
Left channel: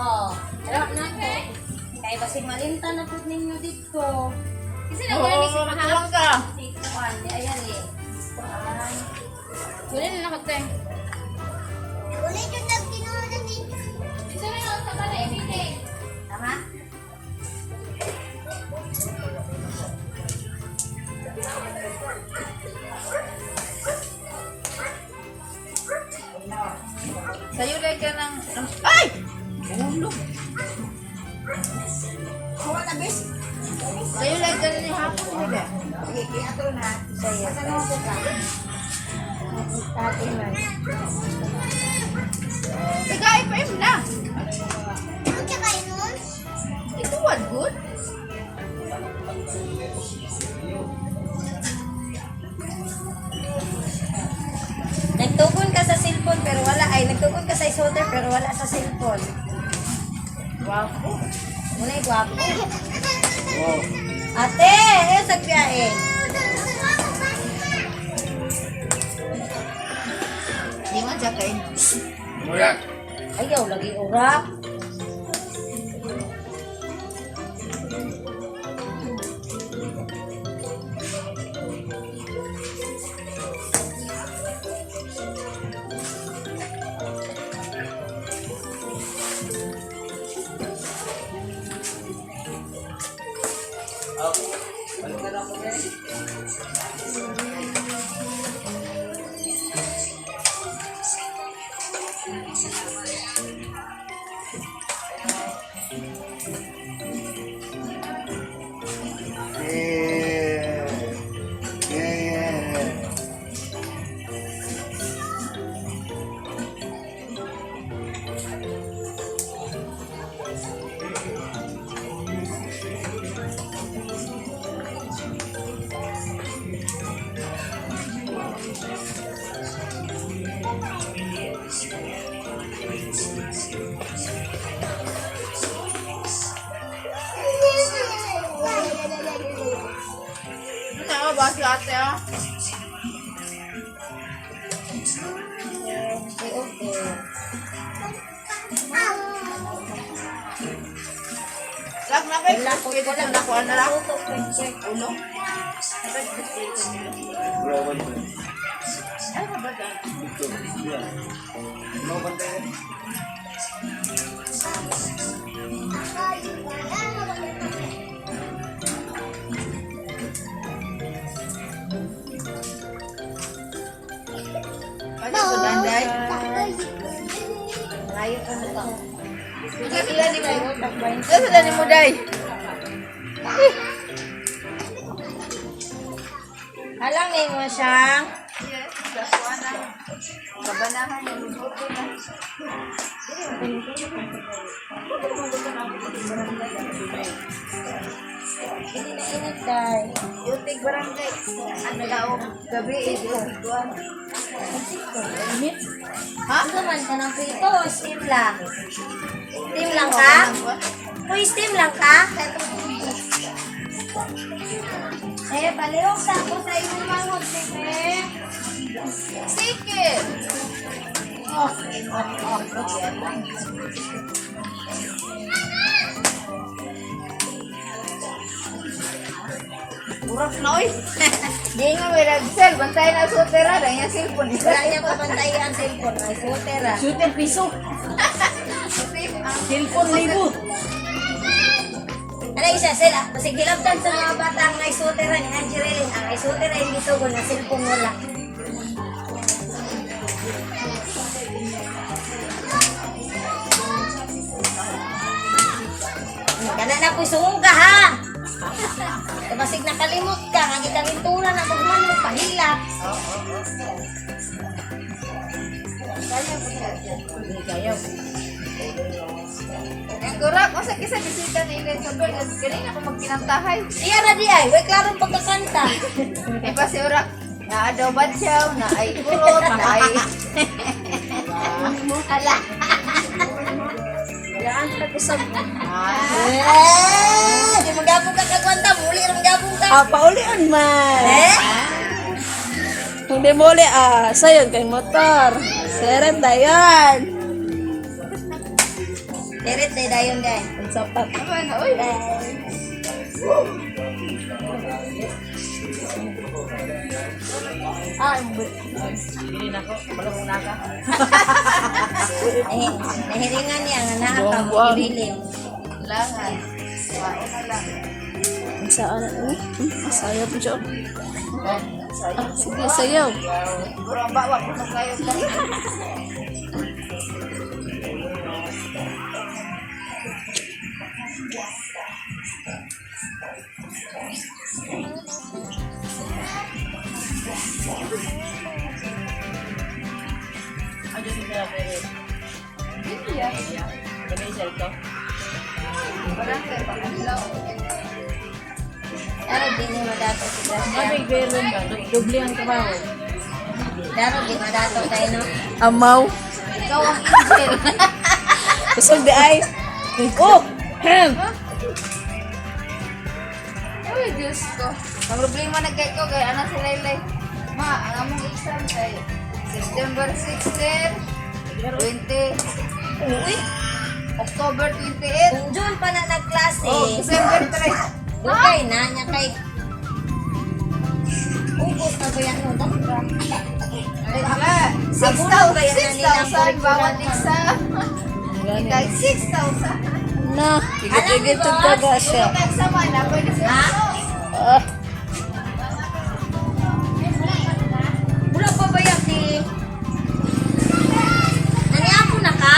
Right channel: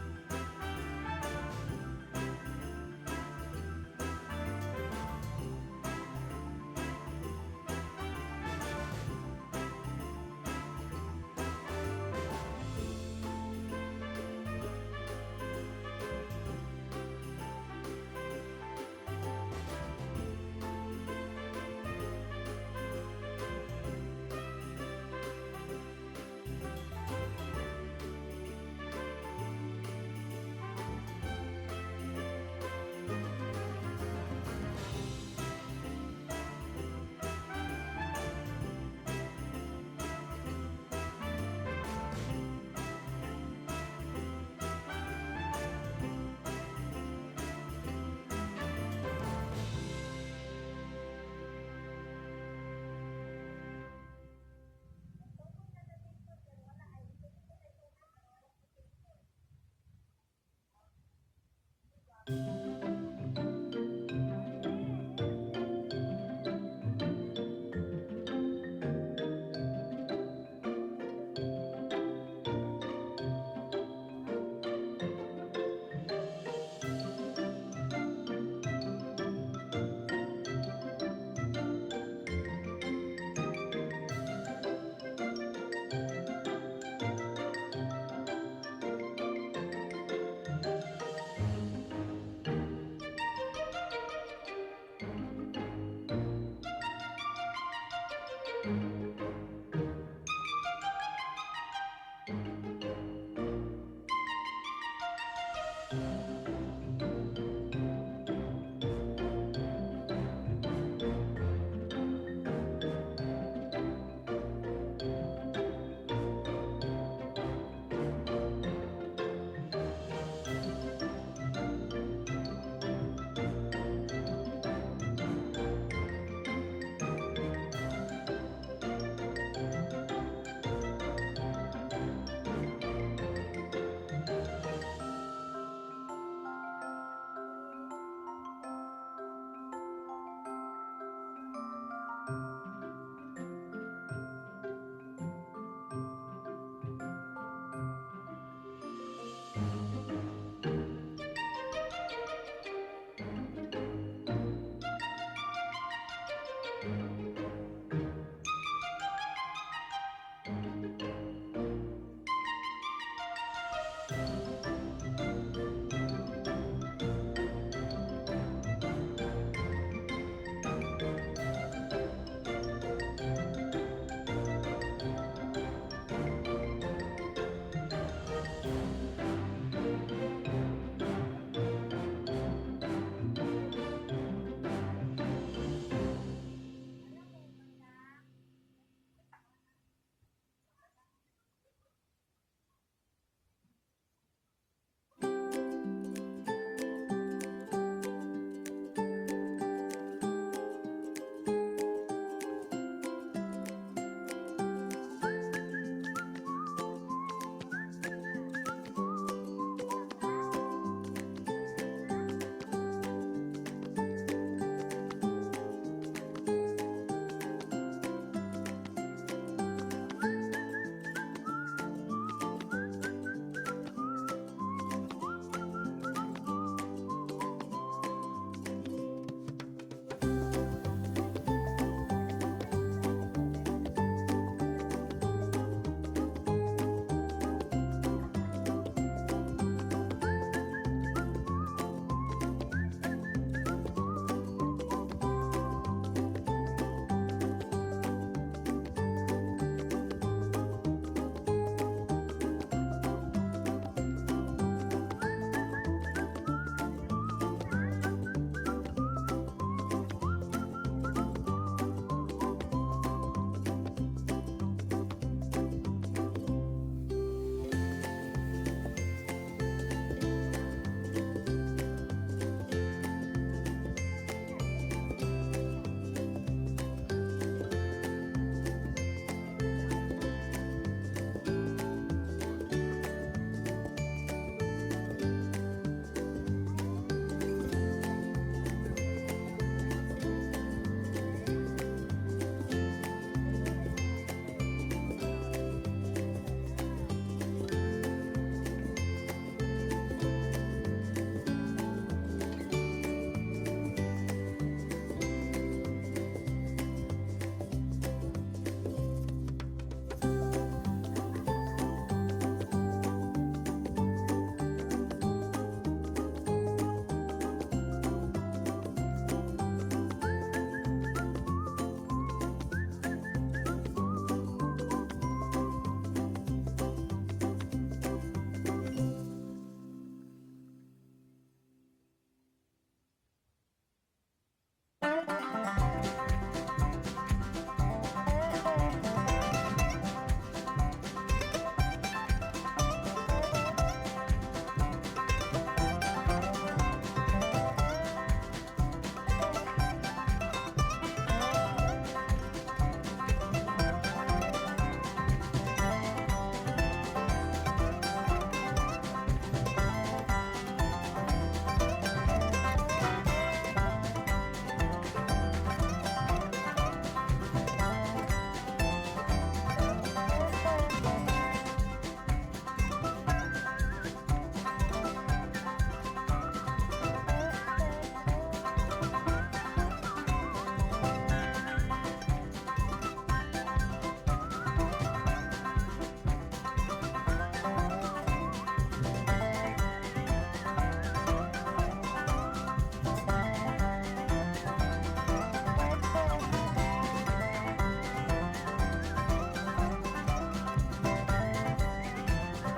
Oh, harap na ko. Kaya basig malinta na po ninyo dito. Kasi na wala ni mahal ka. Di ayan eh. Wala na nakate. Ulit yung nagkinuha na dito. Isa na lang sa pala ibigay. Tama? Sa'yo lang ka ng... Ay! Ulog. Sa'yo lang ka ng hapon, diba? Sa'yo. Tati man. Sige, ipaim na. Ang tsaka yun. Ito, what good? Nagtukon ka sa cellphone pero wala. Ay, nagtukon ka sa isoter pero wala sa cellphone. Wapo. Muna yung gwapo. Ate, eh, sagbiyain. Di mo siya kayo. Ayaw, lagi urak. Ano ba si ate, ah? Lag na kayo. Pwede na nakuha na lang. Ulo. Ano ba ba? Ano ba danday? Malayo ka na to. Sila ni mo. Sila ni mo, day. Alam niyo mo siya. Yes, dakuha na. Kabanahan yung luto na. Hindi na init tayo. Yutig barangay. Ano daw? Gabi, yutig. Init? Ha? Ano naman ka ng prito o steam lang? Steam lang ka? Uy, steam lang ka? Eh, palirong sa ako sa iyong mangot, sige. Sige. Urak na oy. Di nga may nag-sell. Bantayan na sutera. Dahil yung cellphone. Wala niya papantayin ang cellphone. Ay, scooter ah. Shooter piso. Cellphone libo. Ano isa sila? Kasi gilabdan sa mga bata ang ay scooter ni Angelina. Ang ay scooter ay dito ko na cellphone wala. Kana na po sungong ka ha. Kapasig nakalimot ka, ang ikalinturan na magmanong pahilap. Ang gurak. O sa kisa bisita ni Ellen sa Berg. Galing ako magpinantahay. Iya na di ay, way klarong pagkakanta. Eh pa si Urak. Na daw batyaw. Na ay kurot. Na ay... Ala. Wala ka kusab. Di magabong ka kagwanta, muli rin magabong ka. Paulian man. Hindi muli sayon kay motor. Seret na yan. Merit na dayon guys. Sapat. Ano na? Uy. Nahiringan niya nga nakapag bilim. Langan. Wao na lang. Saan ano? Sayo po siya. Sige, sayaw. Kurang bawa ko na kayo. Daro di ni madato si Gracia. Doble ang trabaho. Daro di madato tayo no. Amaw. Ikaw ang angel. Kusog di ay. Oh! Hem! Uy, Diyos ko. Ang problema na kay ko, kaya anak si Laylay. Ma, ang among exam kay September 16, 20, Uy, October 28, June pa na nagklase. oh, December 3. Okay na, niya kay... Ubus na ba yan mo? Wala, Abuno ba yan na 6,000 nilang bawat exam. Kay 6,000. Na, igit-igit ito ka siya. Kung exam na, pwede siya. Ah, Mula pa ba yan di... Naniapo na ka?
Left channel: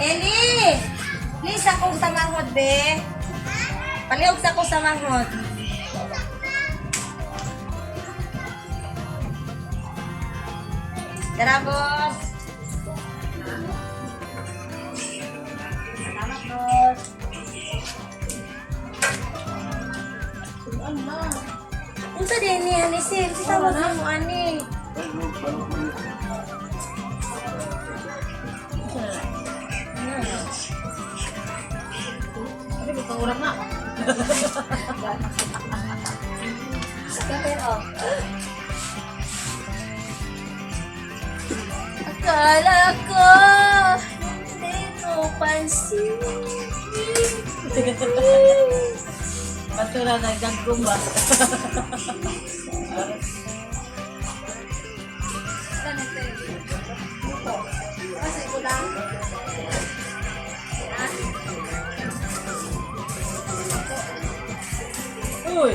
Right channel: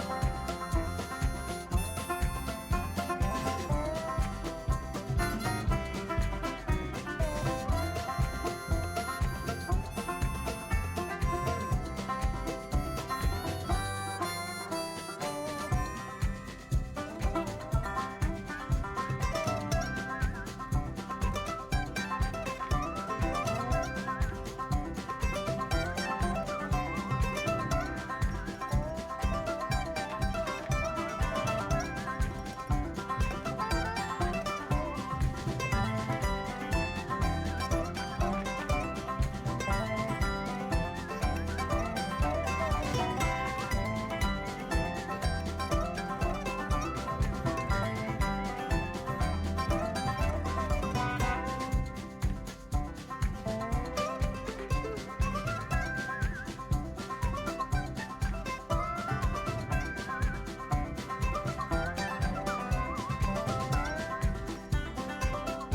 Eli! Please akong sa manghod, be. Paliog sa ko sa manghod. Tara, boss. Salamat, boss. Unsa din ni ani sil? Kita wag mo ani. Akala ko di mo pansin. Matula na gagumba. Uy.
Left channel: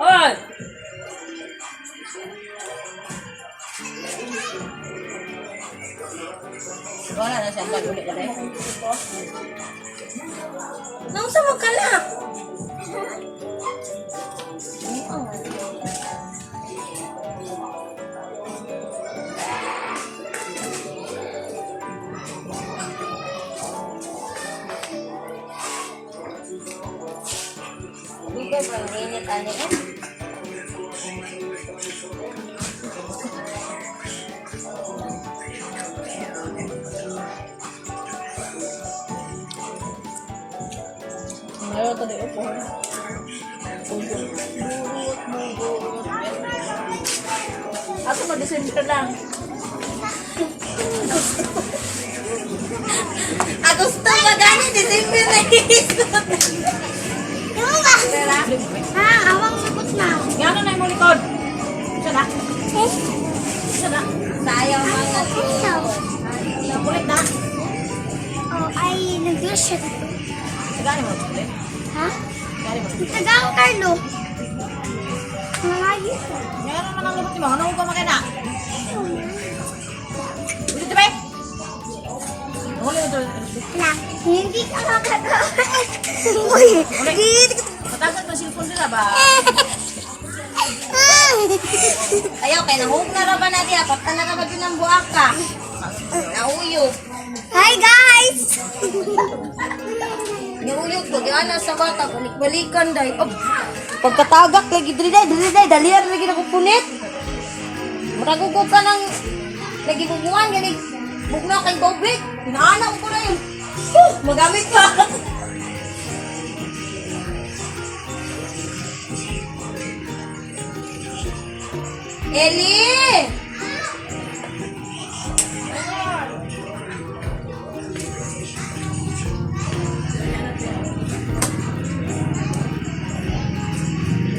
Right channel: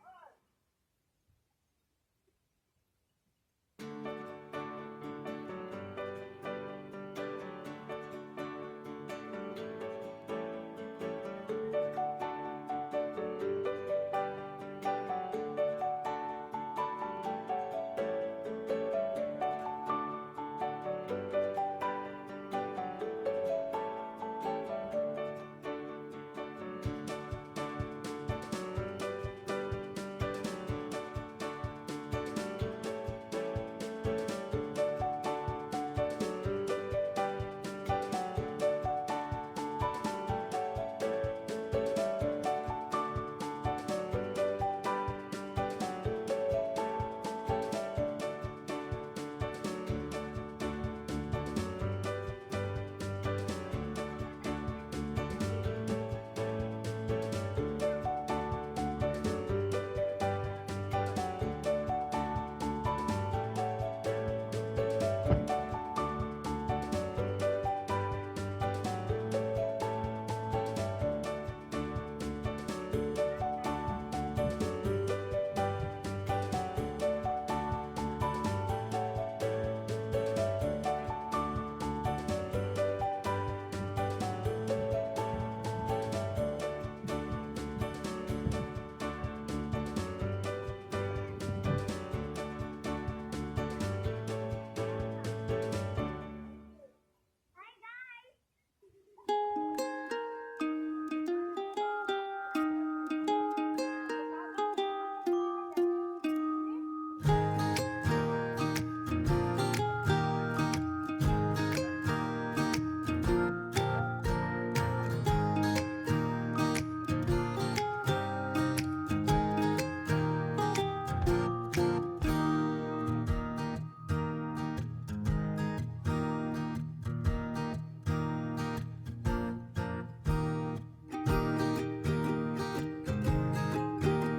Hoy. Wala na siya pag-ulit ka rin. Nang sa mo kala? Bigas ang init ani eh. Ayaw tadi upo. Ako mag-December lang. Gusto ba gani? December na iisot. Yung ba? Ha, awang sagot na. Gano'n na yung likod? Isa na? Isa na? Sayang mga Ikaw. Nakulit na? Oh, ay, nag-blush siya. Gano'n mo? Ha? Tagang Carlo. Malayo. Meron naman ang lupot mo. Ano ko makina? Ulit ba? Huli ito. Na, hindi ka makagawa. Uy, hindi. Matagal ba silpon nila ba? Ayaw, kaya nahug na ra ba na diya? Pagka na ra ba yun ang buaka? Nauyog. Hi guys! Niuyog ko, di ana sa bata, balik-balikan day. Oh, pagkatagak lagi, dali day, dalihan lagi na kupunit. Maragugo ka ng, lagi bubuan, ganig, bugna kay Bobit. Inaana ko na yun. Magamit pa. Eli!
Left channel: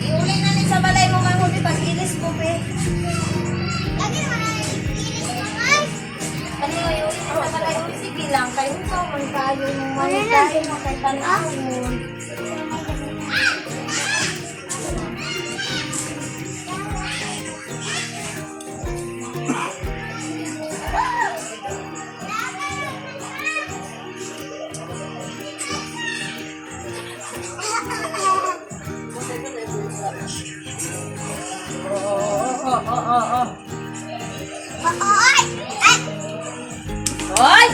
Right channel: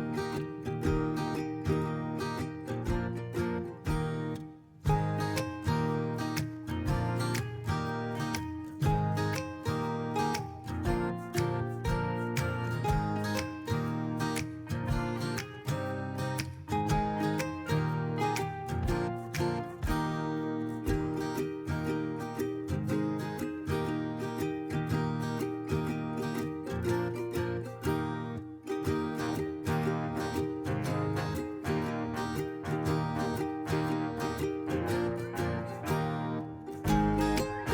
Iuli na ni sa balay mo nga mo, di ba? Ilis mo, be. Lagi naman ang ilis naman. Ano yung iuli mo sa balay mo? Sige lang, kayo mo, man kayo mo, man kayo mo, kay tanaw mo. Oy! Ay! Hoy!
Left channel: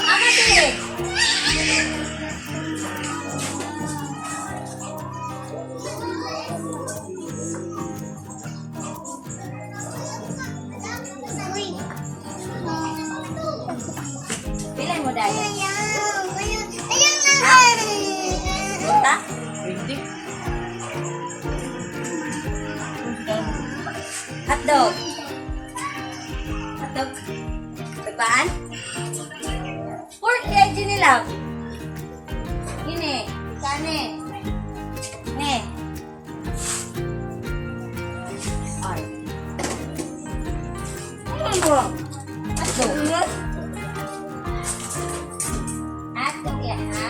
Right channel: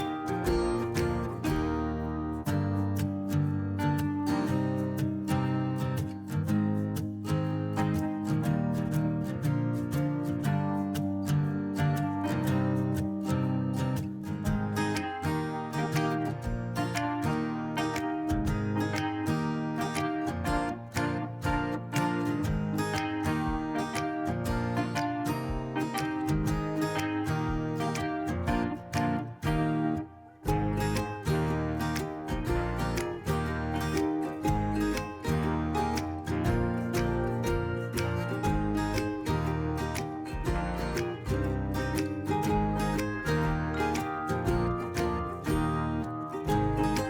Ano din? Uy! Bilay mo dahil. Ayaw! Ayaw naman! Ta? Hotdog. Hotdog. Kapaan? Pork leg nila. Gini. Kane. Ne. Hotdog. Hotdog yan, hotdog.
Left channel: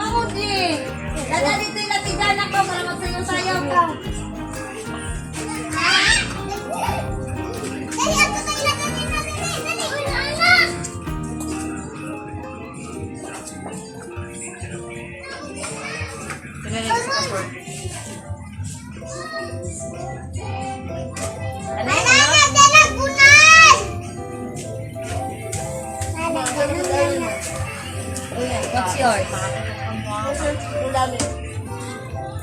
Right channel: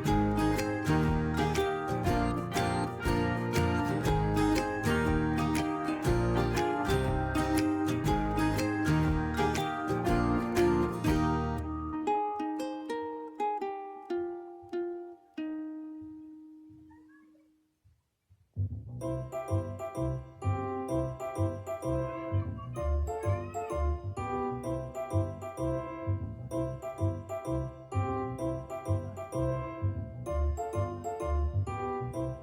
Ako din. Dala dito yung latigan ako para magsayaw-sayaw ka. Dali, ako kayo lang natin natin. Dali, anak! Banana, dala, gunan! What's yours?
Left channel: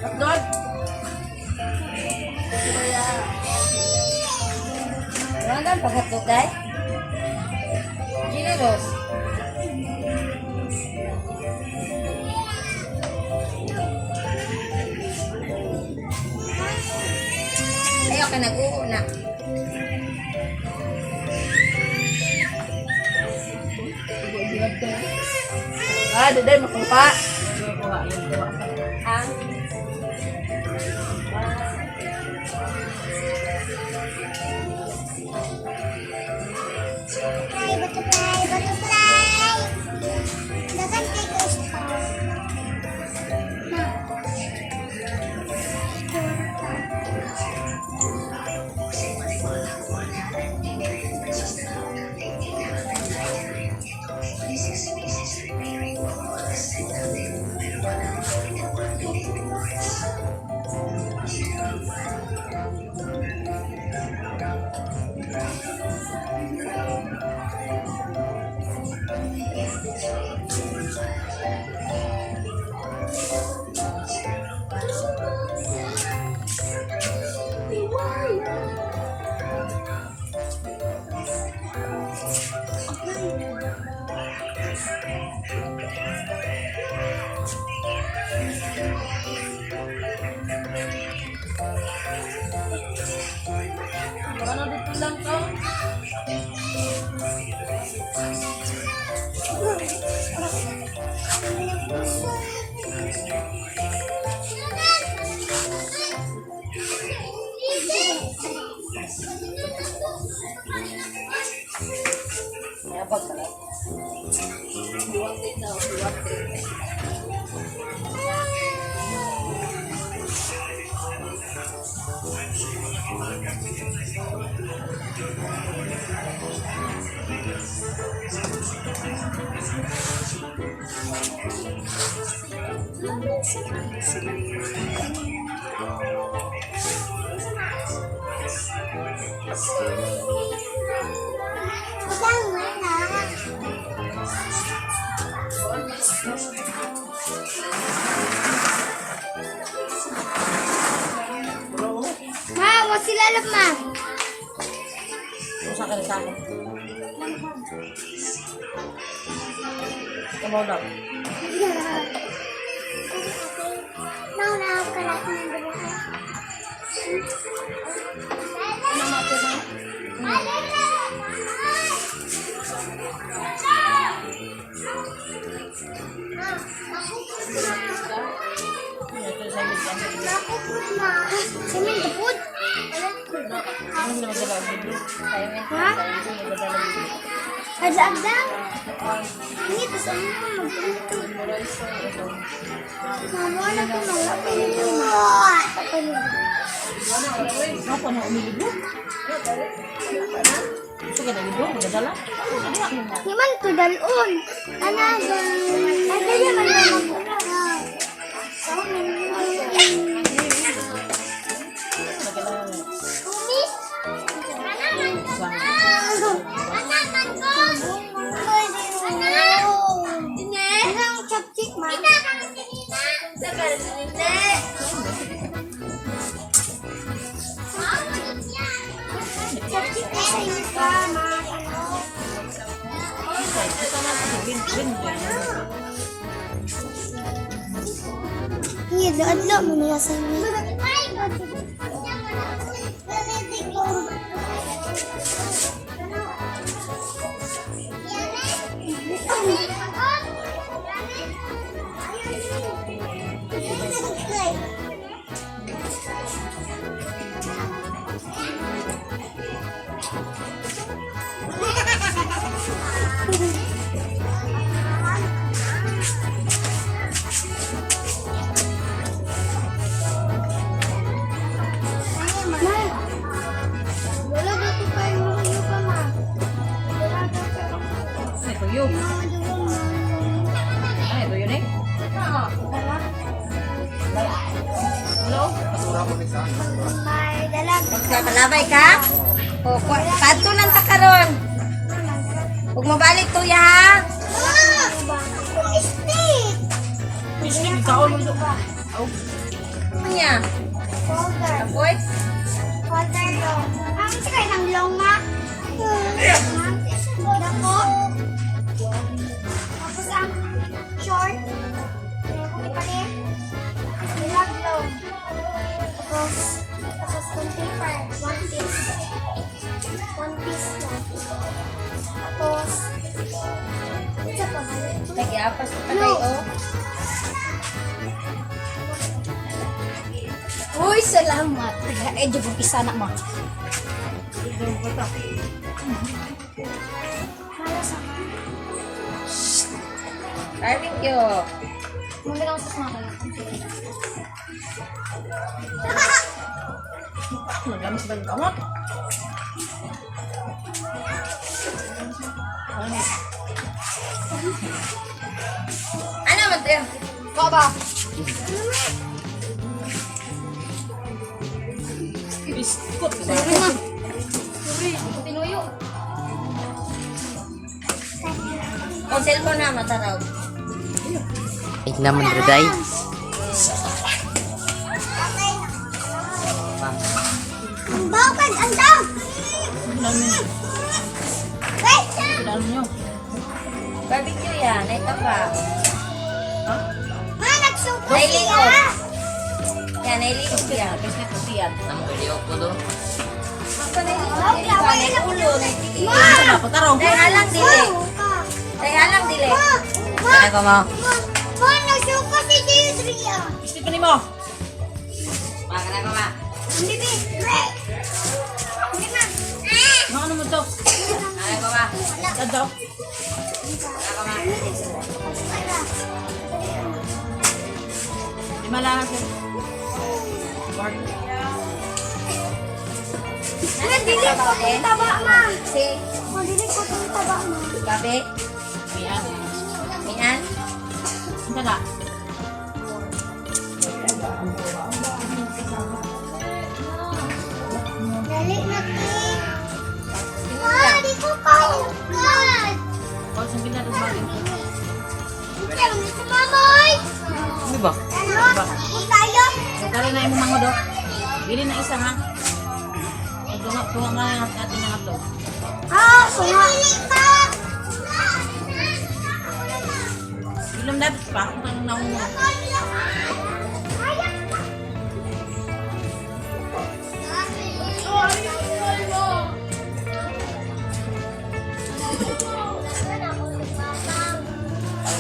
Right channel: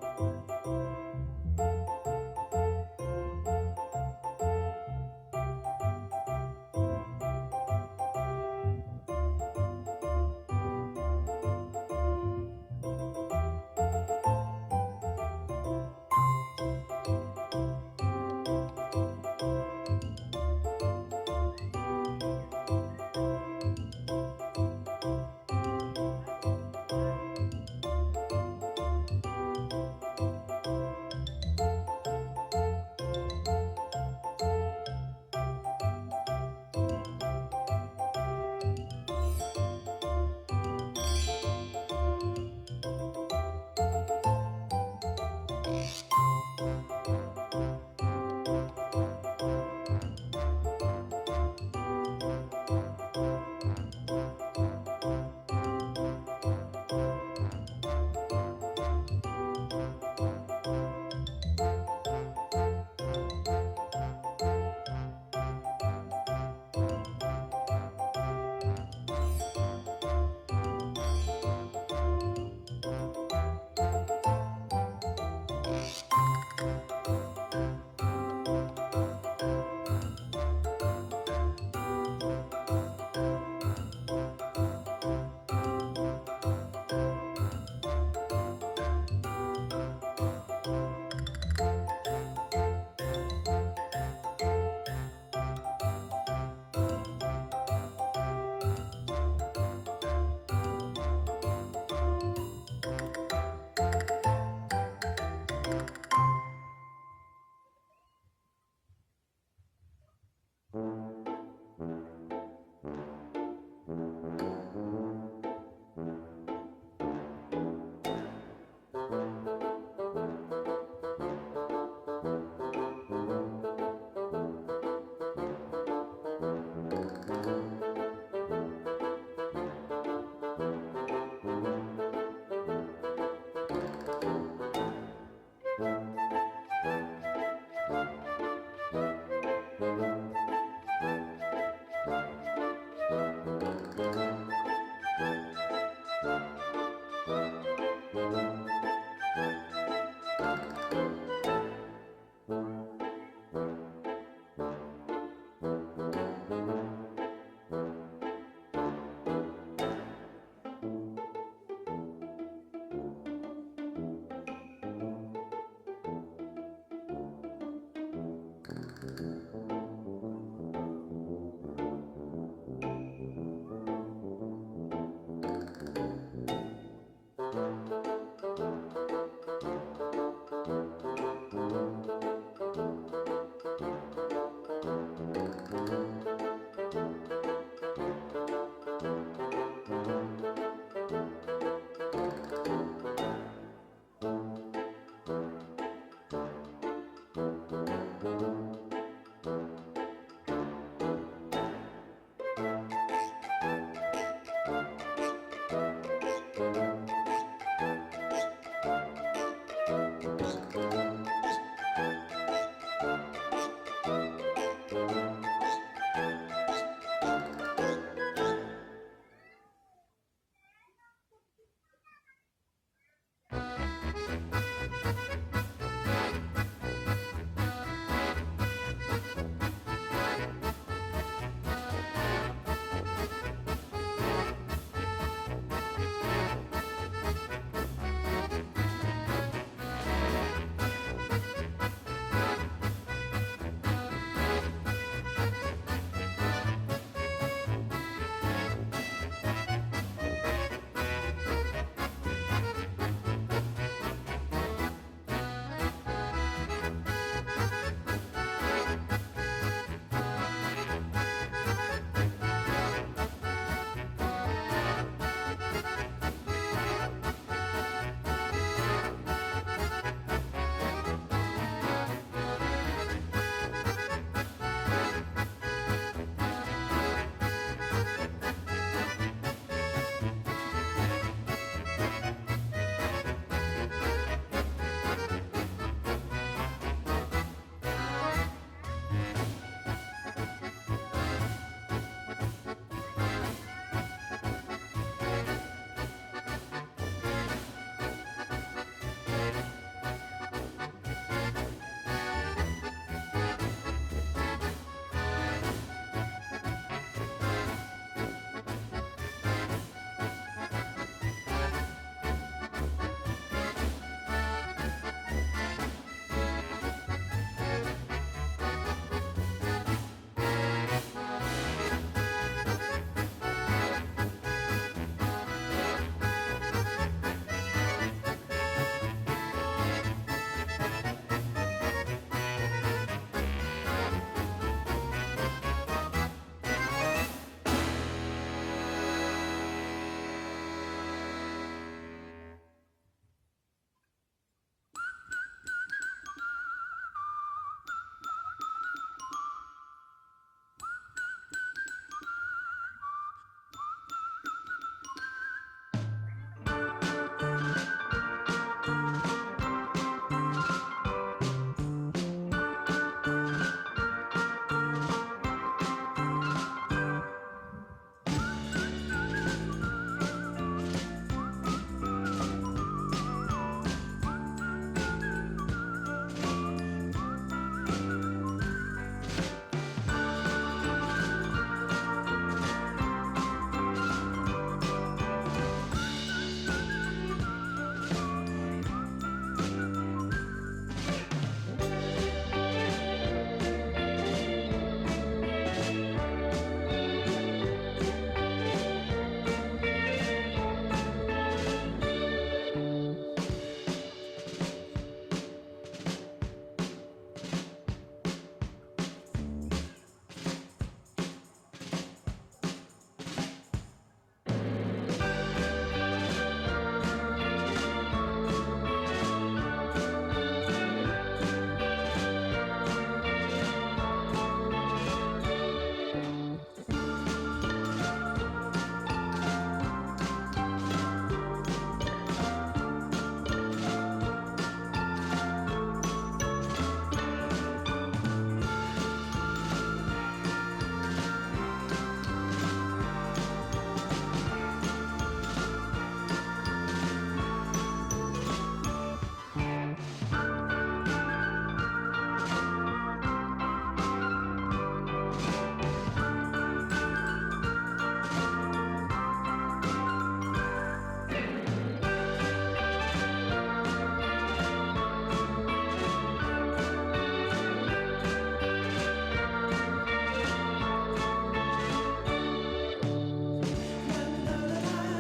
Hotdog? Rangan paghatog day? Generous. Ayaw ka nag-uho na. Ah, daday, makupa. Ha? Butterfly, butterfly, butterfly! Dagan kay gusto. Ma, wag sila lamang. Usa ka sa ako. Kamu na. Nauna ako kalat ng dalawa. Semen teput. Ha? Ada agdang. Ini tuh sama. Mama na ko mga Apa na umigo? Sige na umigo, magdala. Himan to dalon. Ana ba? Ada ya man Iya, ada mo niya sa Malabay ka? O, kanto lang ta karon. Huwag mo balik to ya ha? Ano niya? Apoy? Nag-iapas na tayo. Uy, salamat. Eh, di ko isa na mo. Barbecue. Muna lang sa mga kayo. Magamis ba yung tawag? Ano man tayo? Baba. Tinuyo. O, cellphone na mataraw. Wait naman, Ruday. Bawakan, andang! Wait! Barbecue yan. Ito pa. Ma, nagsuko Nailiog. siya! Yan, nailiog yan. Ito yan. Ang uliog ko doon. Kaya ulod. Dahil alang dili. Dahil alang dili. Ano ko mo? Ma, nasuko si Dizria. Gusto ni mo? Ano ko ma? Hindi, Be. Ano mo to? Ano ko ma? Ano? Malakas. Ano, dili ko itong taba, ma. Oh, dili ko itong taba, ma. Gabi. Mian. Tala. Dali na, King. Ma, di ko kaugat. Hindi, gusto mamoy. Ano ba? Ano? Tayo. Kaya na yung mga do. Bili na isa ha. Kuha nga yung ating mga to. Ah, sunga. Ilang dapat pa? Ang nauna.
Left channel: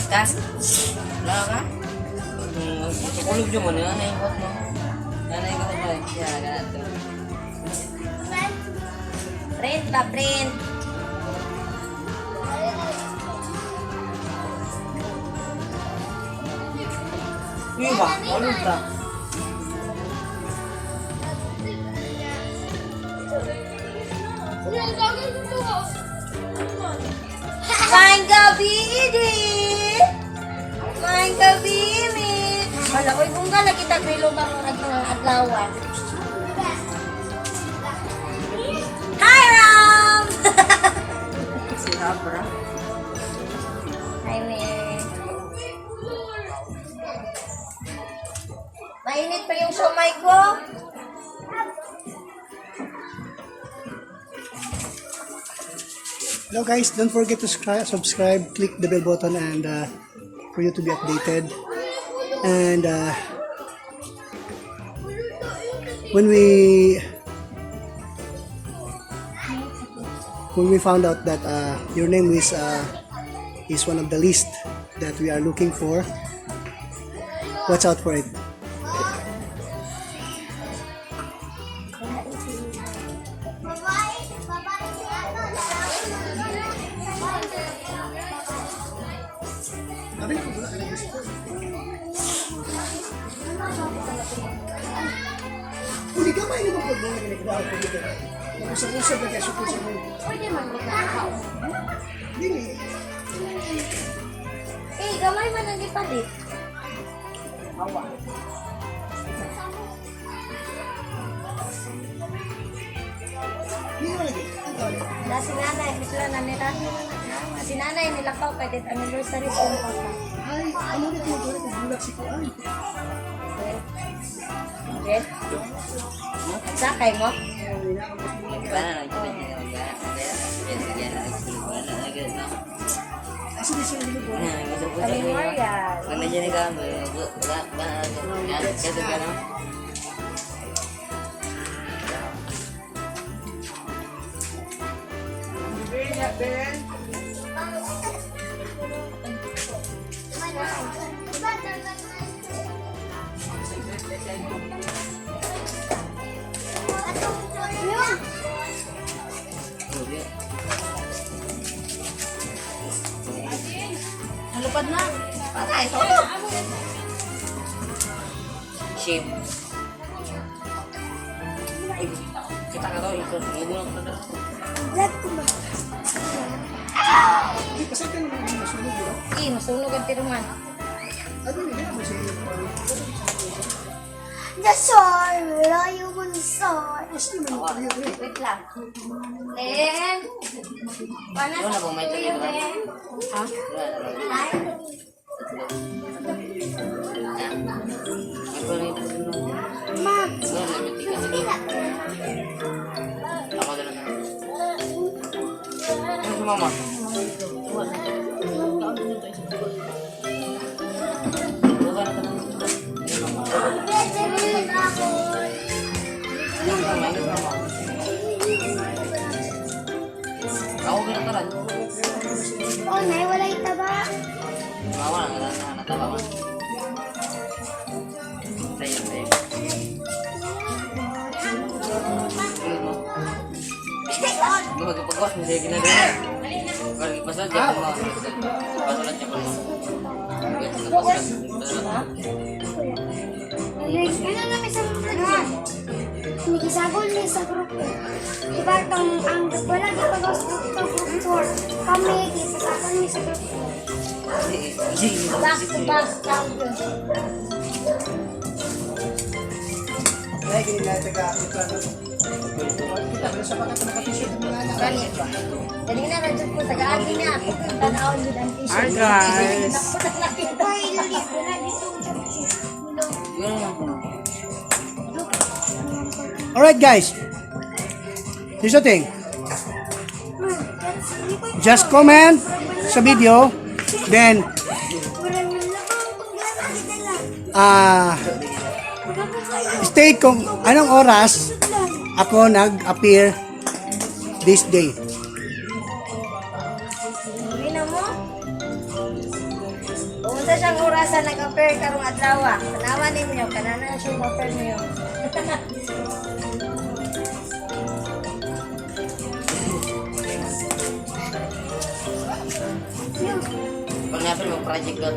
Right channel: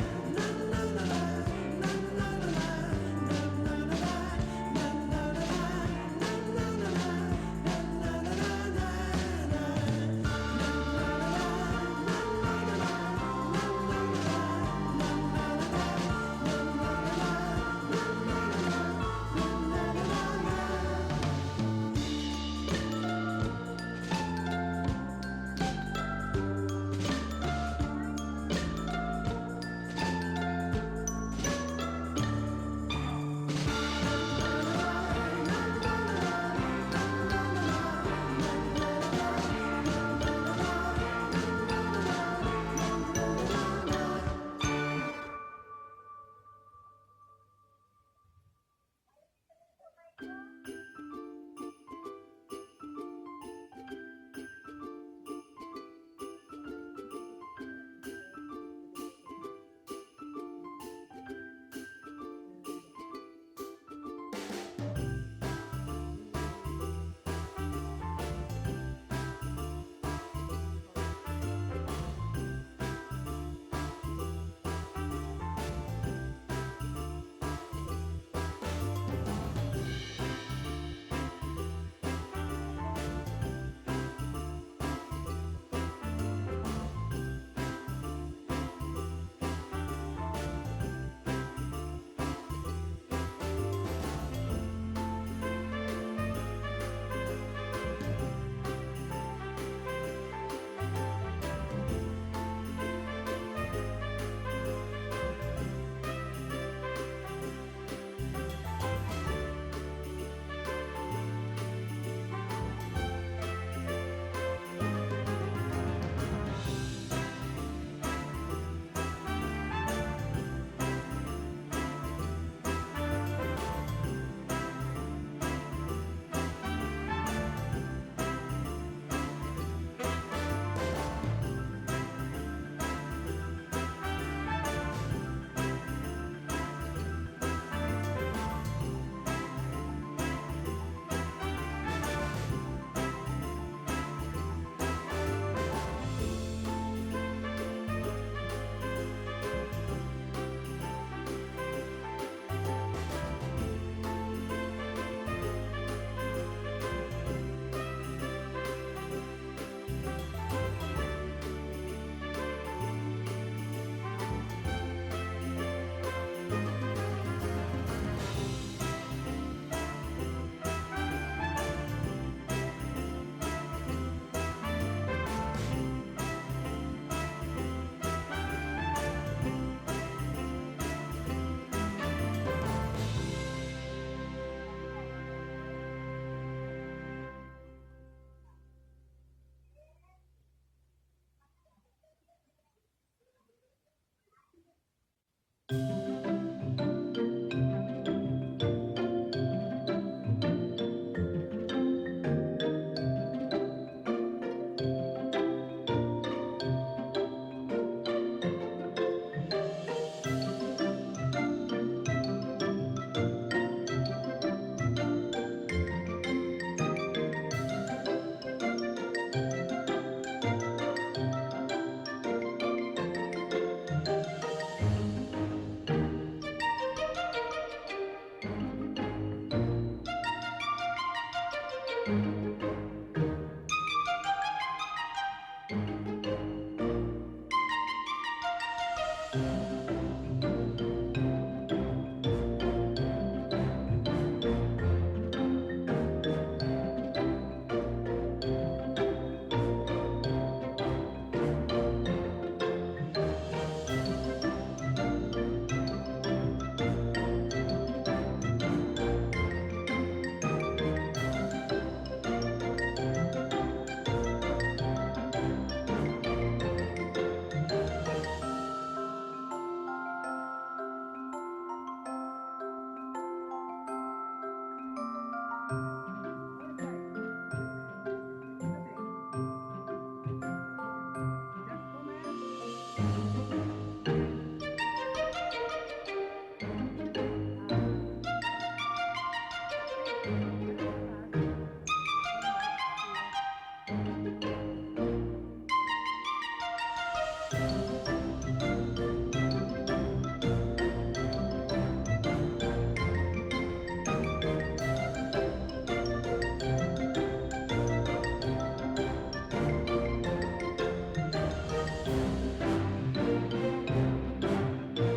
Kas. Wala ka? Ulog yung muna. Nanay ko ito. Print ba, print? Iba, ulog ka. Main gabi, Idi! Main gabi, mi! Wala ko kung gala kita grilo ba mo nag-atlawan. Hi, Ram! Hi, mi. Mainit pa yung somay ko. Hello guys, don't forget to subscribe, click the bell button and for you to be updated. And when we found out that your name is one of the list that we are looking for, watch out for it. Hindi ka may naman po doon usap-usap na kayo Pwede mag-ikaw. Hindi. Eh, gamay man ang ipalit. Awa. Na si nanay, sila na nila. Si nanay nila pa, pwede anniversary sa mga papa. Ay, ano na ito? Bulak si Kuan. Okay? Sakay mo? Kami Maria. Nalupad na. Patay, solo. Ship. Kita ka daw ito. Eh, masunog ang tiruman. Dasar, layo mo ni Sar. Wait lang. Then, paano Ano na sa po, may kuya, tuloy ba? then? Ha? Ay, Ma, Mama. pwede rin ako. Pasulat yan. Pasulat yan. Ano namin sa mga Nagisagol niya sa grupo. Diba itong ang wala di pa gusto itong group 4. Kami gisagol niya sa grupo. Back to back champion. Jadi na nandiyan po, tagaan din na. Tanawin din ang t-shirt. Hi guys. Ito ay ilalip ko na dito. Alright guys, here's the thing. Just comment sa video, then state kung anong oras ako nag-appear this day. Ina mo? Unsa siyang orasan nag-appear karong adlaw. Tanawan ninyo, kanana siya mag-appear niyo. Pag-apil mo project ko.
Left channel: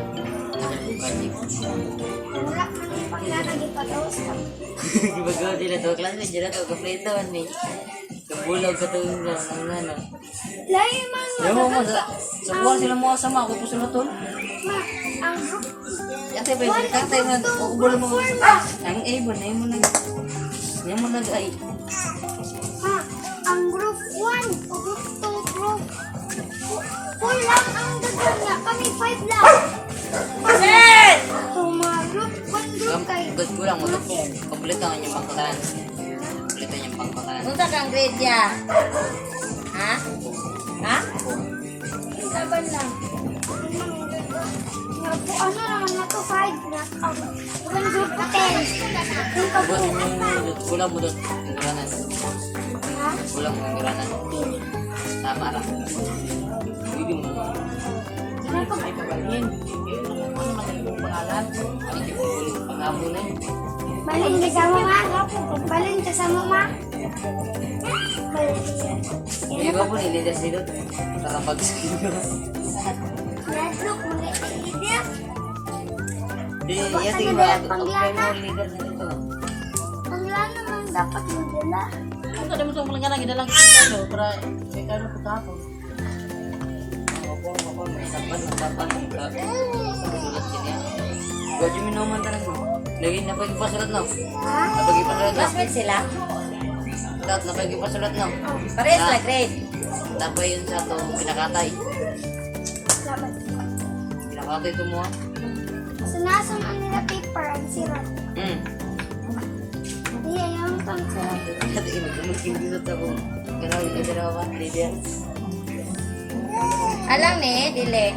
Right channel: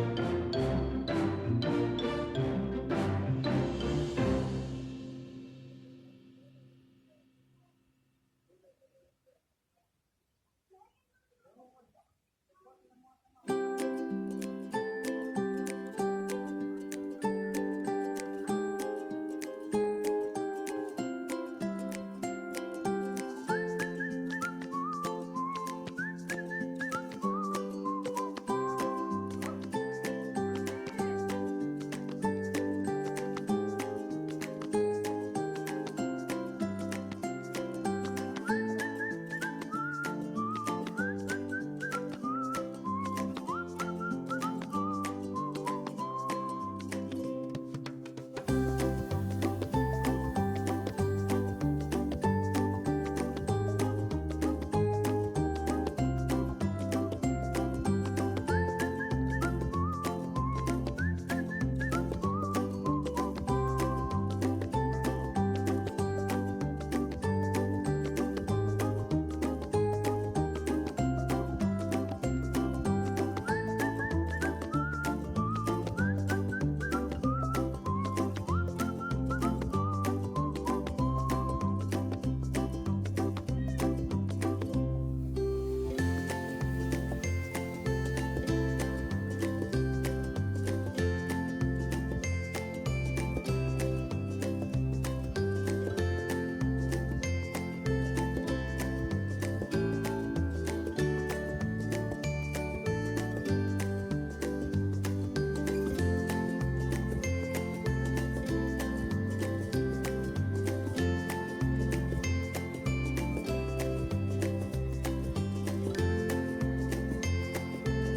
Wala ko na pangalan ni Pataos ka. Gibagawa sila to. Klase dyan na to. Kaplito ni. Kabulaw ka to yung ano. Lain man Alam mo mo, sa buwan sila mo kasama. Ako po sila to. ang group Kasi pa yung tatay mo. Makubula mo. Ang ibon. Ayaw mo na. Ayaw mo na ay. ang group 1 o group 2 group 4 lang ang gagawin niya. Kami 5 lang. So mga group 1 group kayo. Good ko lang mo. Kompleto ang inyong pangkatalan. Kompleto ang inyong pangkatalan. Unsa kang grade ya? Ha? Ha? Laban lang. Ano naman na to 5 na ang group 10. Yung pag-group Kulang mo doon. Kuranan. Kulang mo kuranan. Tama lang. Bibig mo. Pangamunan. Balin ka sa mama. Balin ka sa mama. Hindi ba po nilidas nito? Nakapag-skin mo. Iya sige ba? Ang primary leader na ito. Ang lalo naman dapat magdala. Ito na mo itong mga nang idalang kita para may kano po tapo. Gaji minuman talaga. Lagi na pa yung pasulat na. Napag ipasulat na. Classmate sila? Lahat napag ipasulat na. Parehas na grade. Tapos yun sa ito, pinakatay. Pinakatay ito mo. So nasa ang nila paper at sirat. Iya, yung pang sirat. At ibig dito ako. Ganaw yung ganawa ka, Lydia. Alam ni, dili.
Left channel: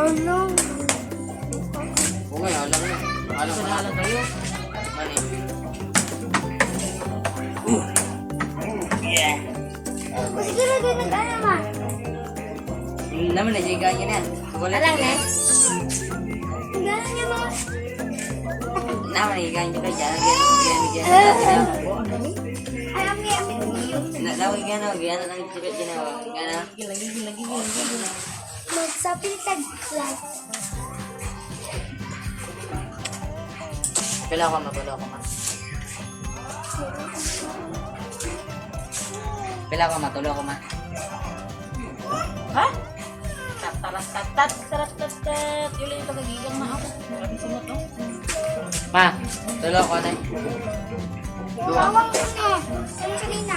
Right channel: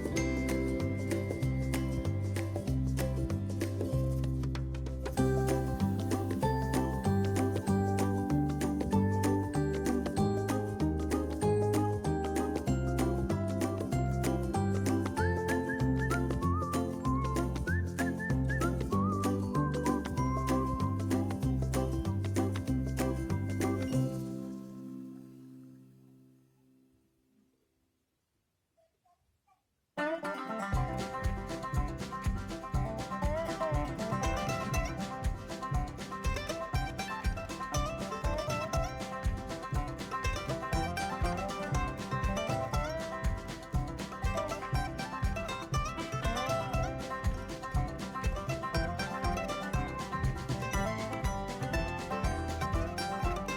Ano? Oo nga, alam na. Alam na alam kayo. Siguro din nag-alaman. Naman na, jaga niya na. Alam ni. Gano'n niya mga... Naman na, jaga niya na. Alam niya. Nawag gana, gana lang ipit ginawa. Gana. Magsapiltag lang. Pila ko magulo ko. Pila ko matulo ko ma. Ha? Ma, tulo ko na. Dua. Tawag mo na. Ano kanina?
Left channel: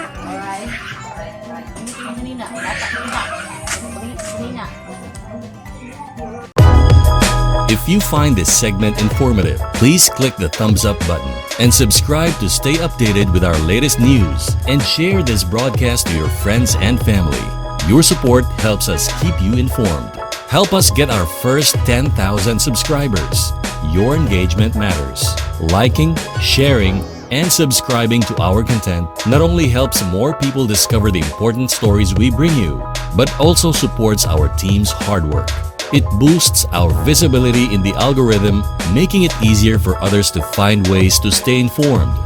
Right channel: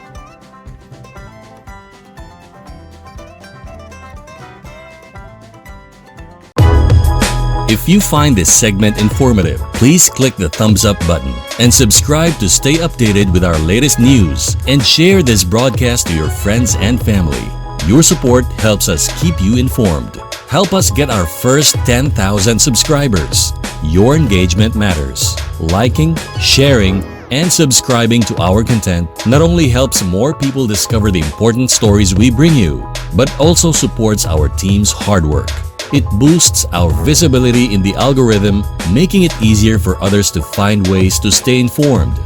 If you find this segment informative, please click the thumbs up button and subscribe to stay updated with our latest news and share this broadcast to your friends and family. Your support helps us keep you informed. Help us get our first 10,000 subscribers. Your engagement matters. Liking, sharing, and subscribing to our content not only helps more people discover the important stories we bring you, but also supports our team's hard work. It boosts our visibility in the algorithm, making it easier for others to find ways to stay informed.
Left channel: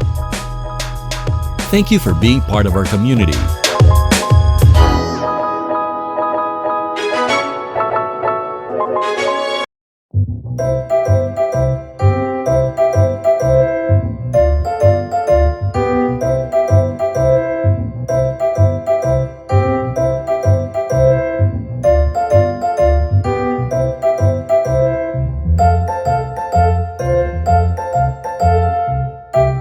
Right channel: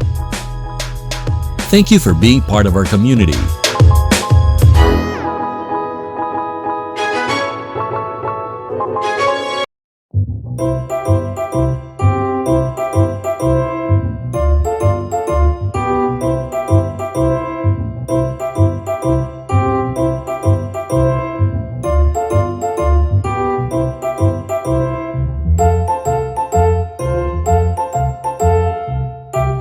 Thank you for being part of our community.